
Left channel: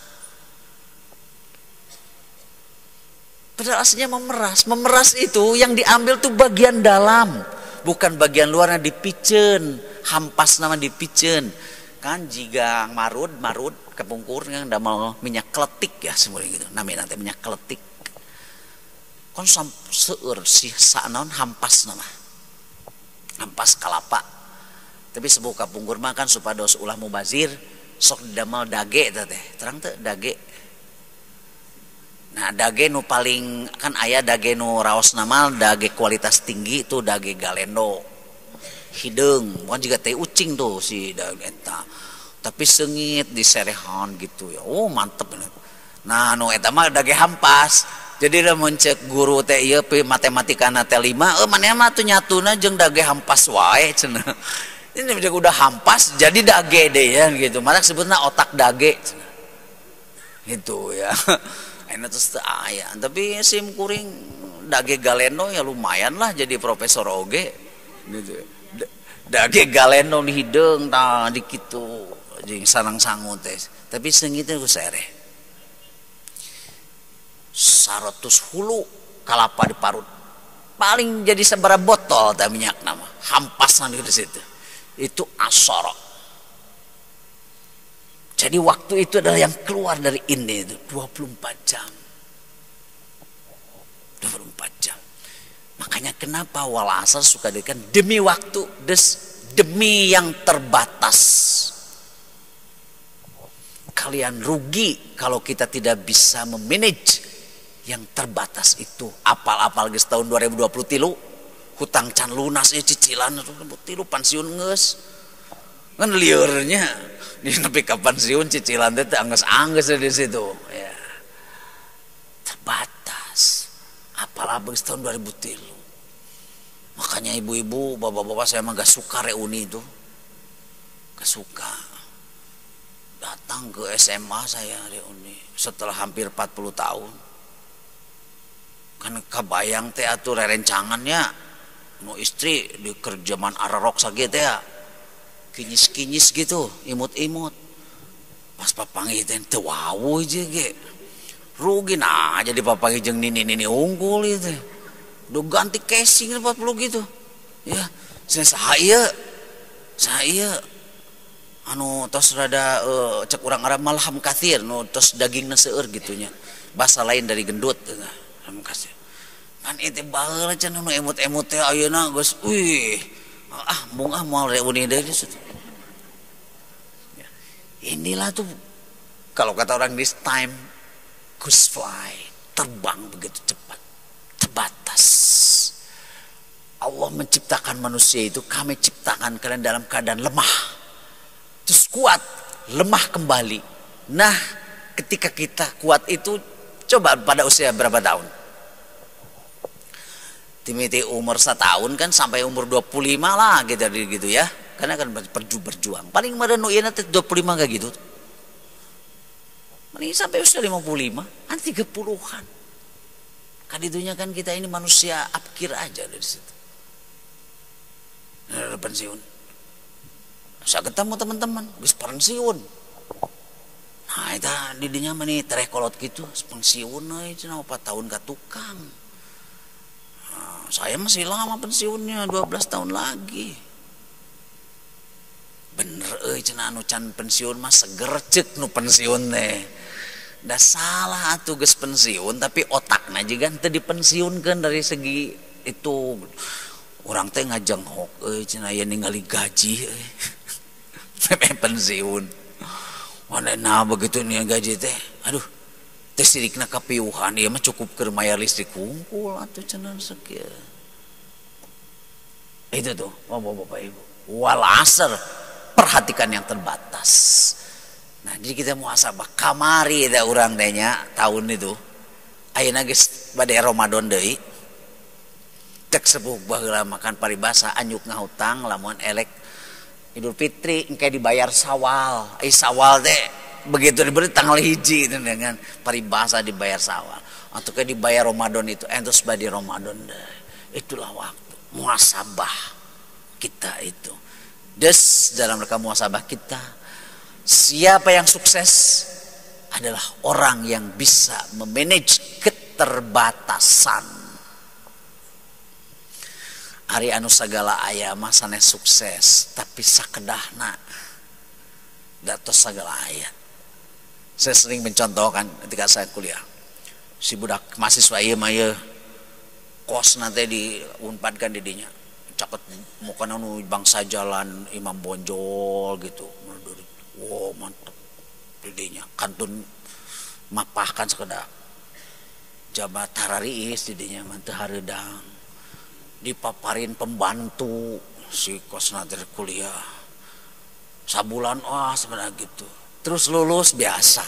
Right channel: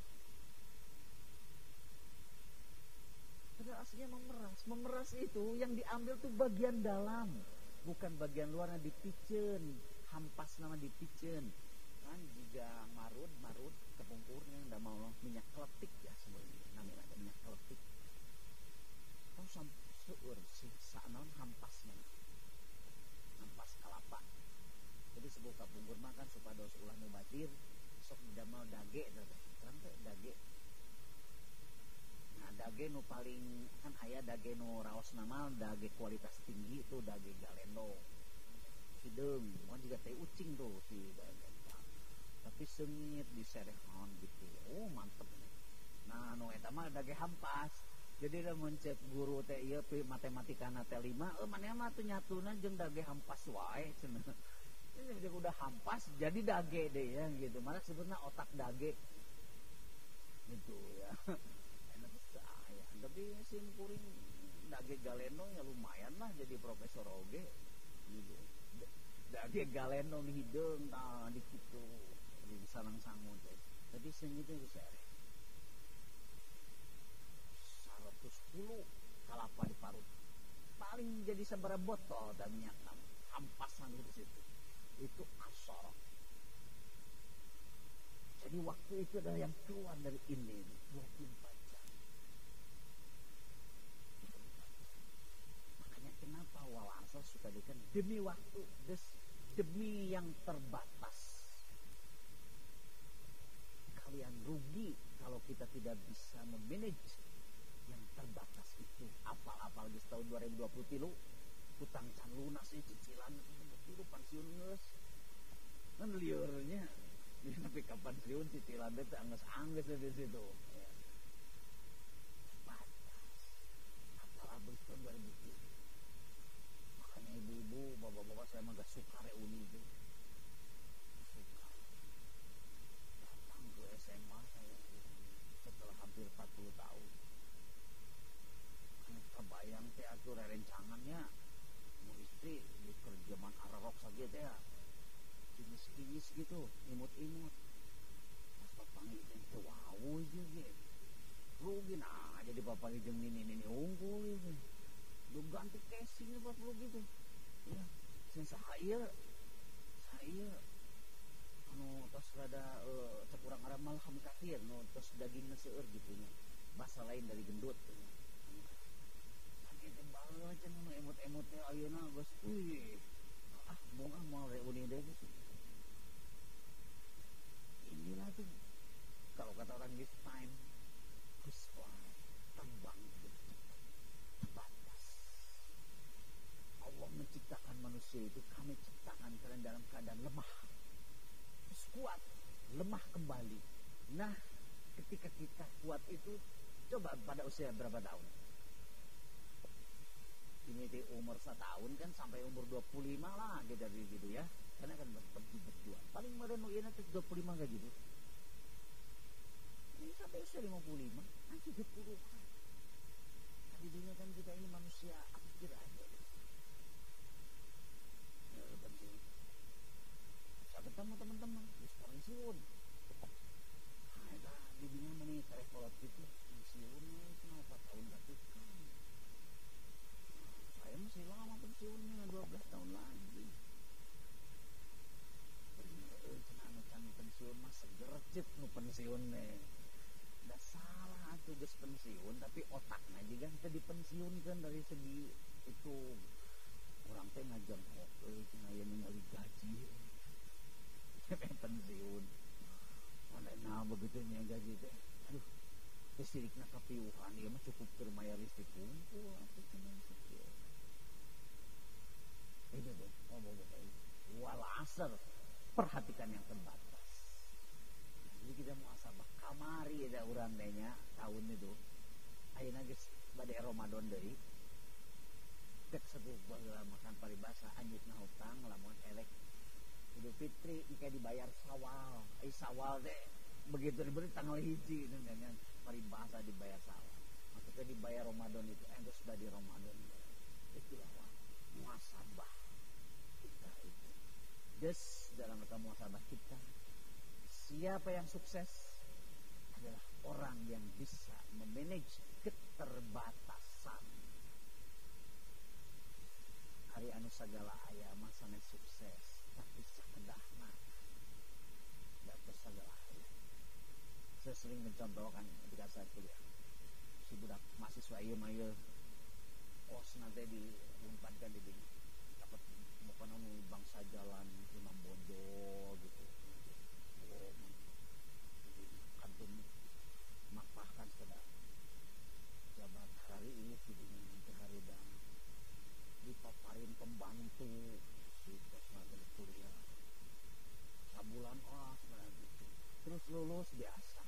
Padahal aslinya memeras. Memeras itu yang diambil tuh bagian dalam, bukan bagian luarnya dipicen. Hampas nama dipicen. Kan jika marud kepungkur yang udah mau minyak kletik ya semuanya gitu. Namanya nanti minyak kletik. Kon seur si sanaon hampas nama. Hampas kalapa. Tapi sebuah kapungkur mah kan supados ulah mubazir sok didamal dage teh. Terang teh dage. Nah, dage nu paling kan aya dage nu raos nama dage kualitas tinggi itu dage galendo. Hideung, bukan juga teh ucing tuh si dage eta. Tapi sengit diserehan gitu ya. Oh, mantep. Nah, nu eta mah dage hampas. Jadi udah mencek guru teh ieu matematika na teh 5, maneh mah tuh nyatuna jeung dage hampas wae cenah. Ini udah hampas jadi dage deh ya gitu. Malah sebutna otak dage cenah. Gitu ya. Enak terus aya. Tapi sim kuring dage galeno ya lumayan lah jadi profesor oge gitu. Dage galeno di hideung tah di kitu jeung sareng sangu teh. Tapi seungitnya ku sereh. 100 hulu kalapa diparut paling jadi seberapa botol teh minyak nama hampasan di situ itu asoro. Jadi waktu itu adalah yang keluar dari ini itu 24 jam 24 jam. Makanya kenapa wal asar suka dikatakan demi waktu demi yang terbatas. Kalian rugi kalau kita tidak bisa memanage yang terbatas itu. Apal-apal geus tahun 2023 hutang can lunas cicilan tilu pensiun geus kan liurnya di nepi ka pensiun cicilan teh angges-angges di situ ya. Terbatas. Apal-apal geus tahun 2003. Makanya ibu-ibu, bapak-bapak saya mah gak suka reuni itu. Gak suka. Datang ke SMA saya reuni setelah hampir 40 tahun. Kan kabayang teh atuh rerencangannya nu istri di kerjaman ararok saget ya kinyis-kinyis gitu imut-imut pas papangi teh teu wawuh je ge rugi nah jadi papangi jeung nini unggul itu do ganti casing 40 gitu ya saya anu tos rada cek urang Arab malham kathir nu tos dagingna seueur gitunya bahasa lain dari gendut kasih kan itu baheula can nu emut-emut teh ayeuna geus mung moal reuni deui situ. Inilah tuh kalau kata orang this time goose fly, terbang begitu cepat, terbatas. Allah menciptakan manusia itu, kami ciptakan kalian dalam keadaan lemah, terus kuat, lemah kembali. Nah, ketika kita kuat itu coba pada usia berapa tahun? Timiti umur 1 tahun kan sampai umur 25 lah gitu ya. Karena kan berjuang. Paling meureun nu ieu teh 25 kayak gitu. Mending sampai usia 55, kan 30-an. Kan itunya kan kita ini manusia apkir aja dari situ. Nah, pensiun. Saya ketemu teman-teman, geus pensiun. Nah, eta di dinya mah nih terekolot gitu, pensiun euy cenah 4 tahun ka tukang. Saya masih lama pensiunnya 12 tahun lagi. bener cenah anu can pensiun mah seger ceuk nu pensiun teh. Da salah atuh geus pensiun tapi otakna juga teu dipensiunkeun dari segi itu. Urang teh ngajenghok cenah aya ningali gaji sampai pensiun. Manehna begitu nih gaji teh. Aduh, teh sirikna kapiuhan ieu mah cukup keur mayar listrik hungkul atuh cenah sakieu. Itu tuh, Bapak Ibu. Wal asr, perhatikan yang terbatas. Nah, jadi kita muhasabah kamari da urang teh nya tahun itu. Ayeuna geus bade Ramadan deui. Cek sepuh baheula makan paribasa anyuk ngahutang lamun elek Idul Fitri engke dibayar Sawal. Sawal teh begitu diberi tanggal 1 dengan paribasa dibayar Sawal. Atau ke dibayar Ramadan itu entos bade Ramadan deui. Itulah waktu muhasabah kita itu. Des dalam rangka muhasabah kita, siapa yang sukses adalah orang yang bisa memanage keterbatasan. Ari anu sagala aya mah sanes sukses, tapi sakedahna datos sagala aya. Saya sering mencontohkan ketika saya kuliah. Si budak mahasiswa ieu mah ieu kos nanti diunpadkan didinya. Caket mukana nu bangsa jalan Imam Bonjol gitu. Wow, mantep didinya. Kantun mapahkan sekedar jabat harariis didinya mah teu hareudang. Dipaparin pembantu si kos nanti kuliah sabulan sebenarnya gitu, terus lulus biasa.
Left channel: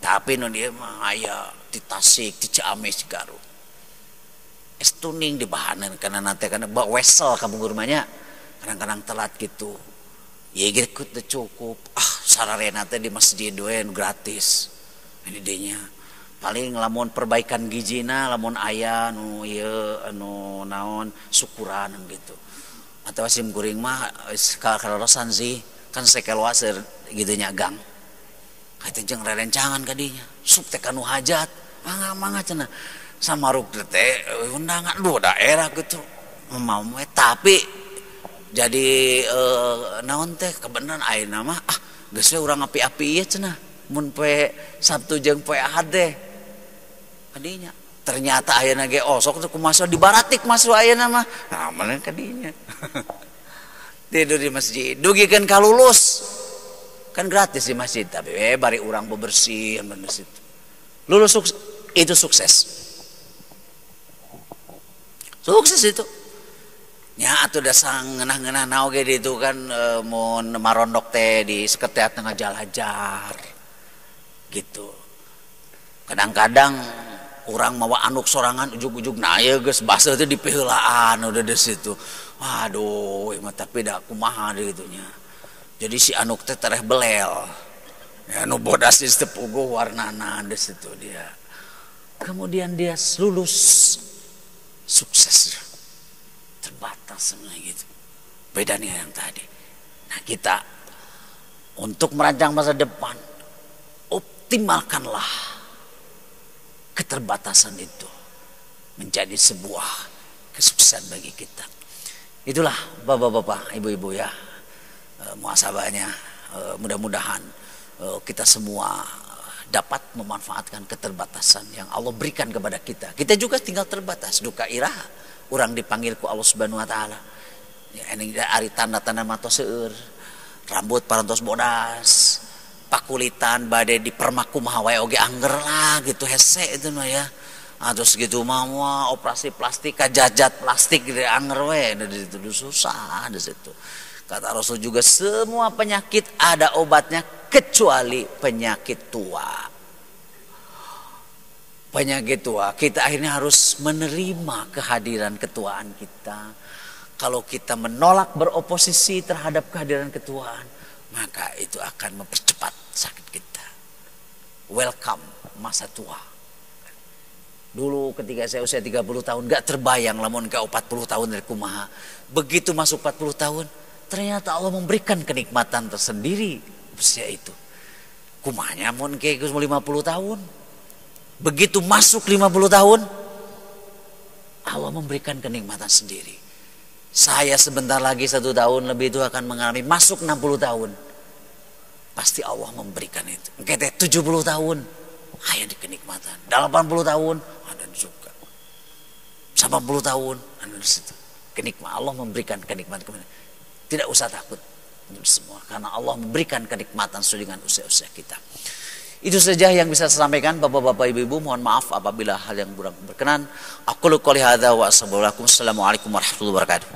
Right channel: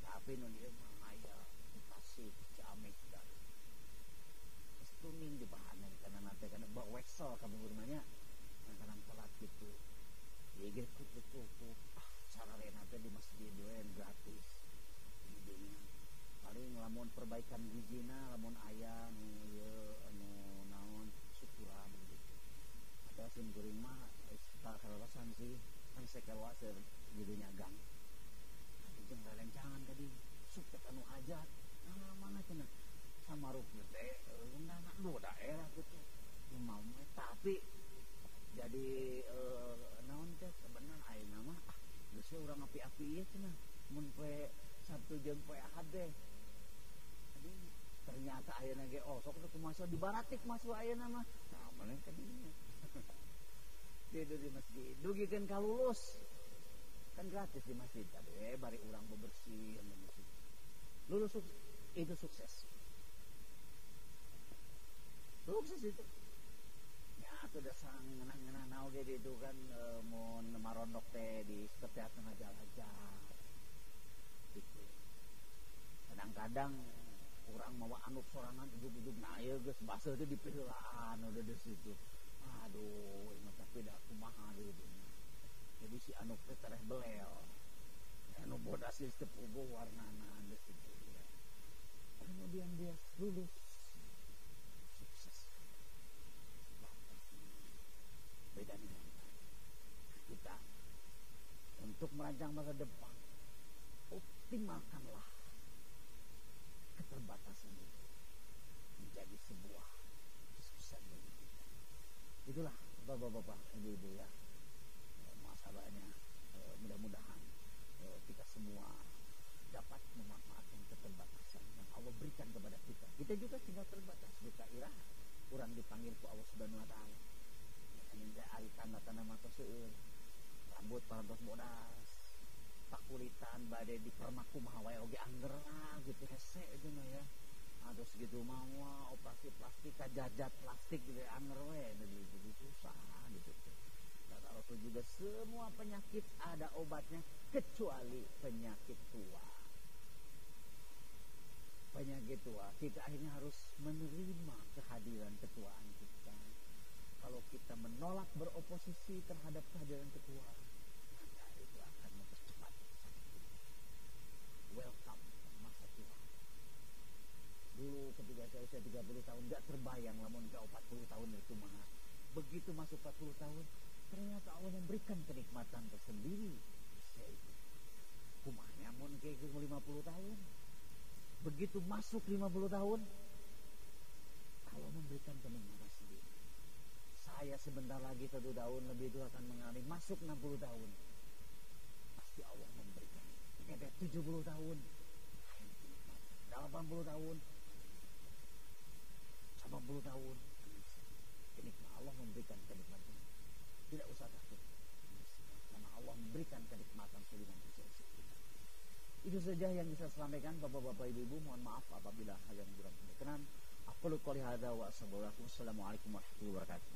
Tapi nu dia mah aya di Tasik, di Ciamis, Garut es tuning di bahanan karena nanti karena bawa wesel kamu rumahnya kadang-kadang telat gitu ya gitu teu cukup sararena teh di masjid we gratis ini dinya. Paling lamun perbaikan gijina lamun aya nu ieu anu naon syukuran gitu. Atau sim kuring mah kalorosan sih kan sekelwaseur gitu nya gang. Kata jeung rerencangan ka dinya. Sup teh kanu hajat. Mangga cenah. Samaruk teh undangan dua daerah gitu. Mau tapi jadi naon teh kebenaran ayeuna mah geus we urang api-api ieu cenah. Mun poe Sabtu jeung poe Ahad teh kadinya ternyata ayeuna ge sok teh kumaha dibaratik masuk ayeuna mah mana kadinya tidur di masjid dugikeun ka lulus kan gratis di masjid tapi bari urang bebersih di situ lulus itu sukses itu nya atuh da sangeunah-ngeunah naon ge ditu kan mun marondok teh di seketiap tengah jalajar gitu. Kadang-kadang orang mawa anuk sorangan ujug-ujug na aya geus basa teh dipiheulaan udah di situ. Waduh, mah tapi da kumaha deui kitu nya. Jadi si anuk teh tereh belel. Ya nu bodas di tepuguh warnana di situ dia. Kemudian dia lulus sukses. Terbatas semua gitu. Beda dengan yang tadi. Nah, kita untuk merancang masa depan optimalkanlah keterbatasan itu menjadi sebuah kesuksesan bagi kita. Itulah bapak-bapak, ibu-ibu ya muhasabahnya. Mudah-mudahan kita semua dapat memanfaatkan keterbatasan yang Allah berikan kepada kita. Kita juga tinggal terbatas. Duka irah orang dipanggil ku Allah Subhanahu wa taala. Ya ini ari tanda-tanda matos seueur. Rambut parantos bodas. Pakulitan badai di permaku mah wae oge angger lah gitu hese itu mah ya. Terus gitu mah operasi plastik kajajat plastik gitu angger we di situ susah di situ. Kata Rasul juga semua penyakit ada obatnya kecuali penyakit tua. Penyakit tua kita akhirnya harus menerima kehadiran ketuaan kita. Kalau kita menolak beroposisi terhadap kehadiran ketuaan, maka itu akan mempercepat sakit kita. Welcome masa tua. Dulu ketika saya usia 30 tahun gak terbayang lamun ke 40 tahun dari kumaha. Begitu masuk 40 tahun, ternyata Allah memberikan kenikmatan tersendiri usia itu. Kumahnya mun ke 50 tahun. Begitu masuk 50 tahun, Allah memberikan kenikmatan sendiri. Saya sebentar lagi 1 tahun lebih itu akan mengalami masuk 60 tahun. Pasti Allah memberikan itu. Kita 70 tahun, ada di kenikmatan. 80 tahun, ada juga. 80 tahun, ada di situ. Kenikmatan Allah memberikan kenikmatan. Tidak usah takut semua, karena Allah memberikan kenikmatan sesuai dengan usia-usia kita. Itu saja yang bisa saya sampaikan, Bapak-bapak, Ibu-ibu. Mohon maaf apabila hal yang kurang berkenan. Aku qouli hadza wa assalamualaikum warahmatullahi wabarakatuh.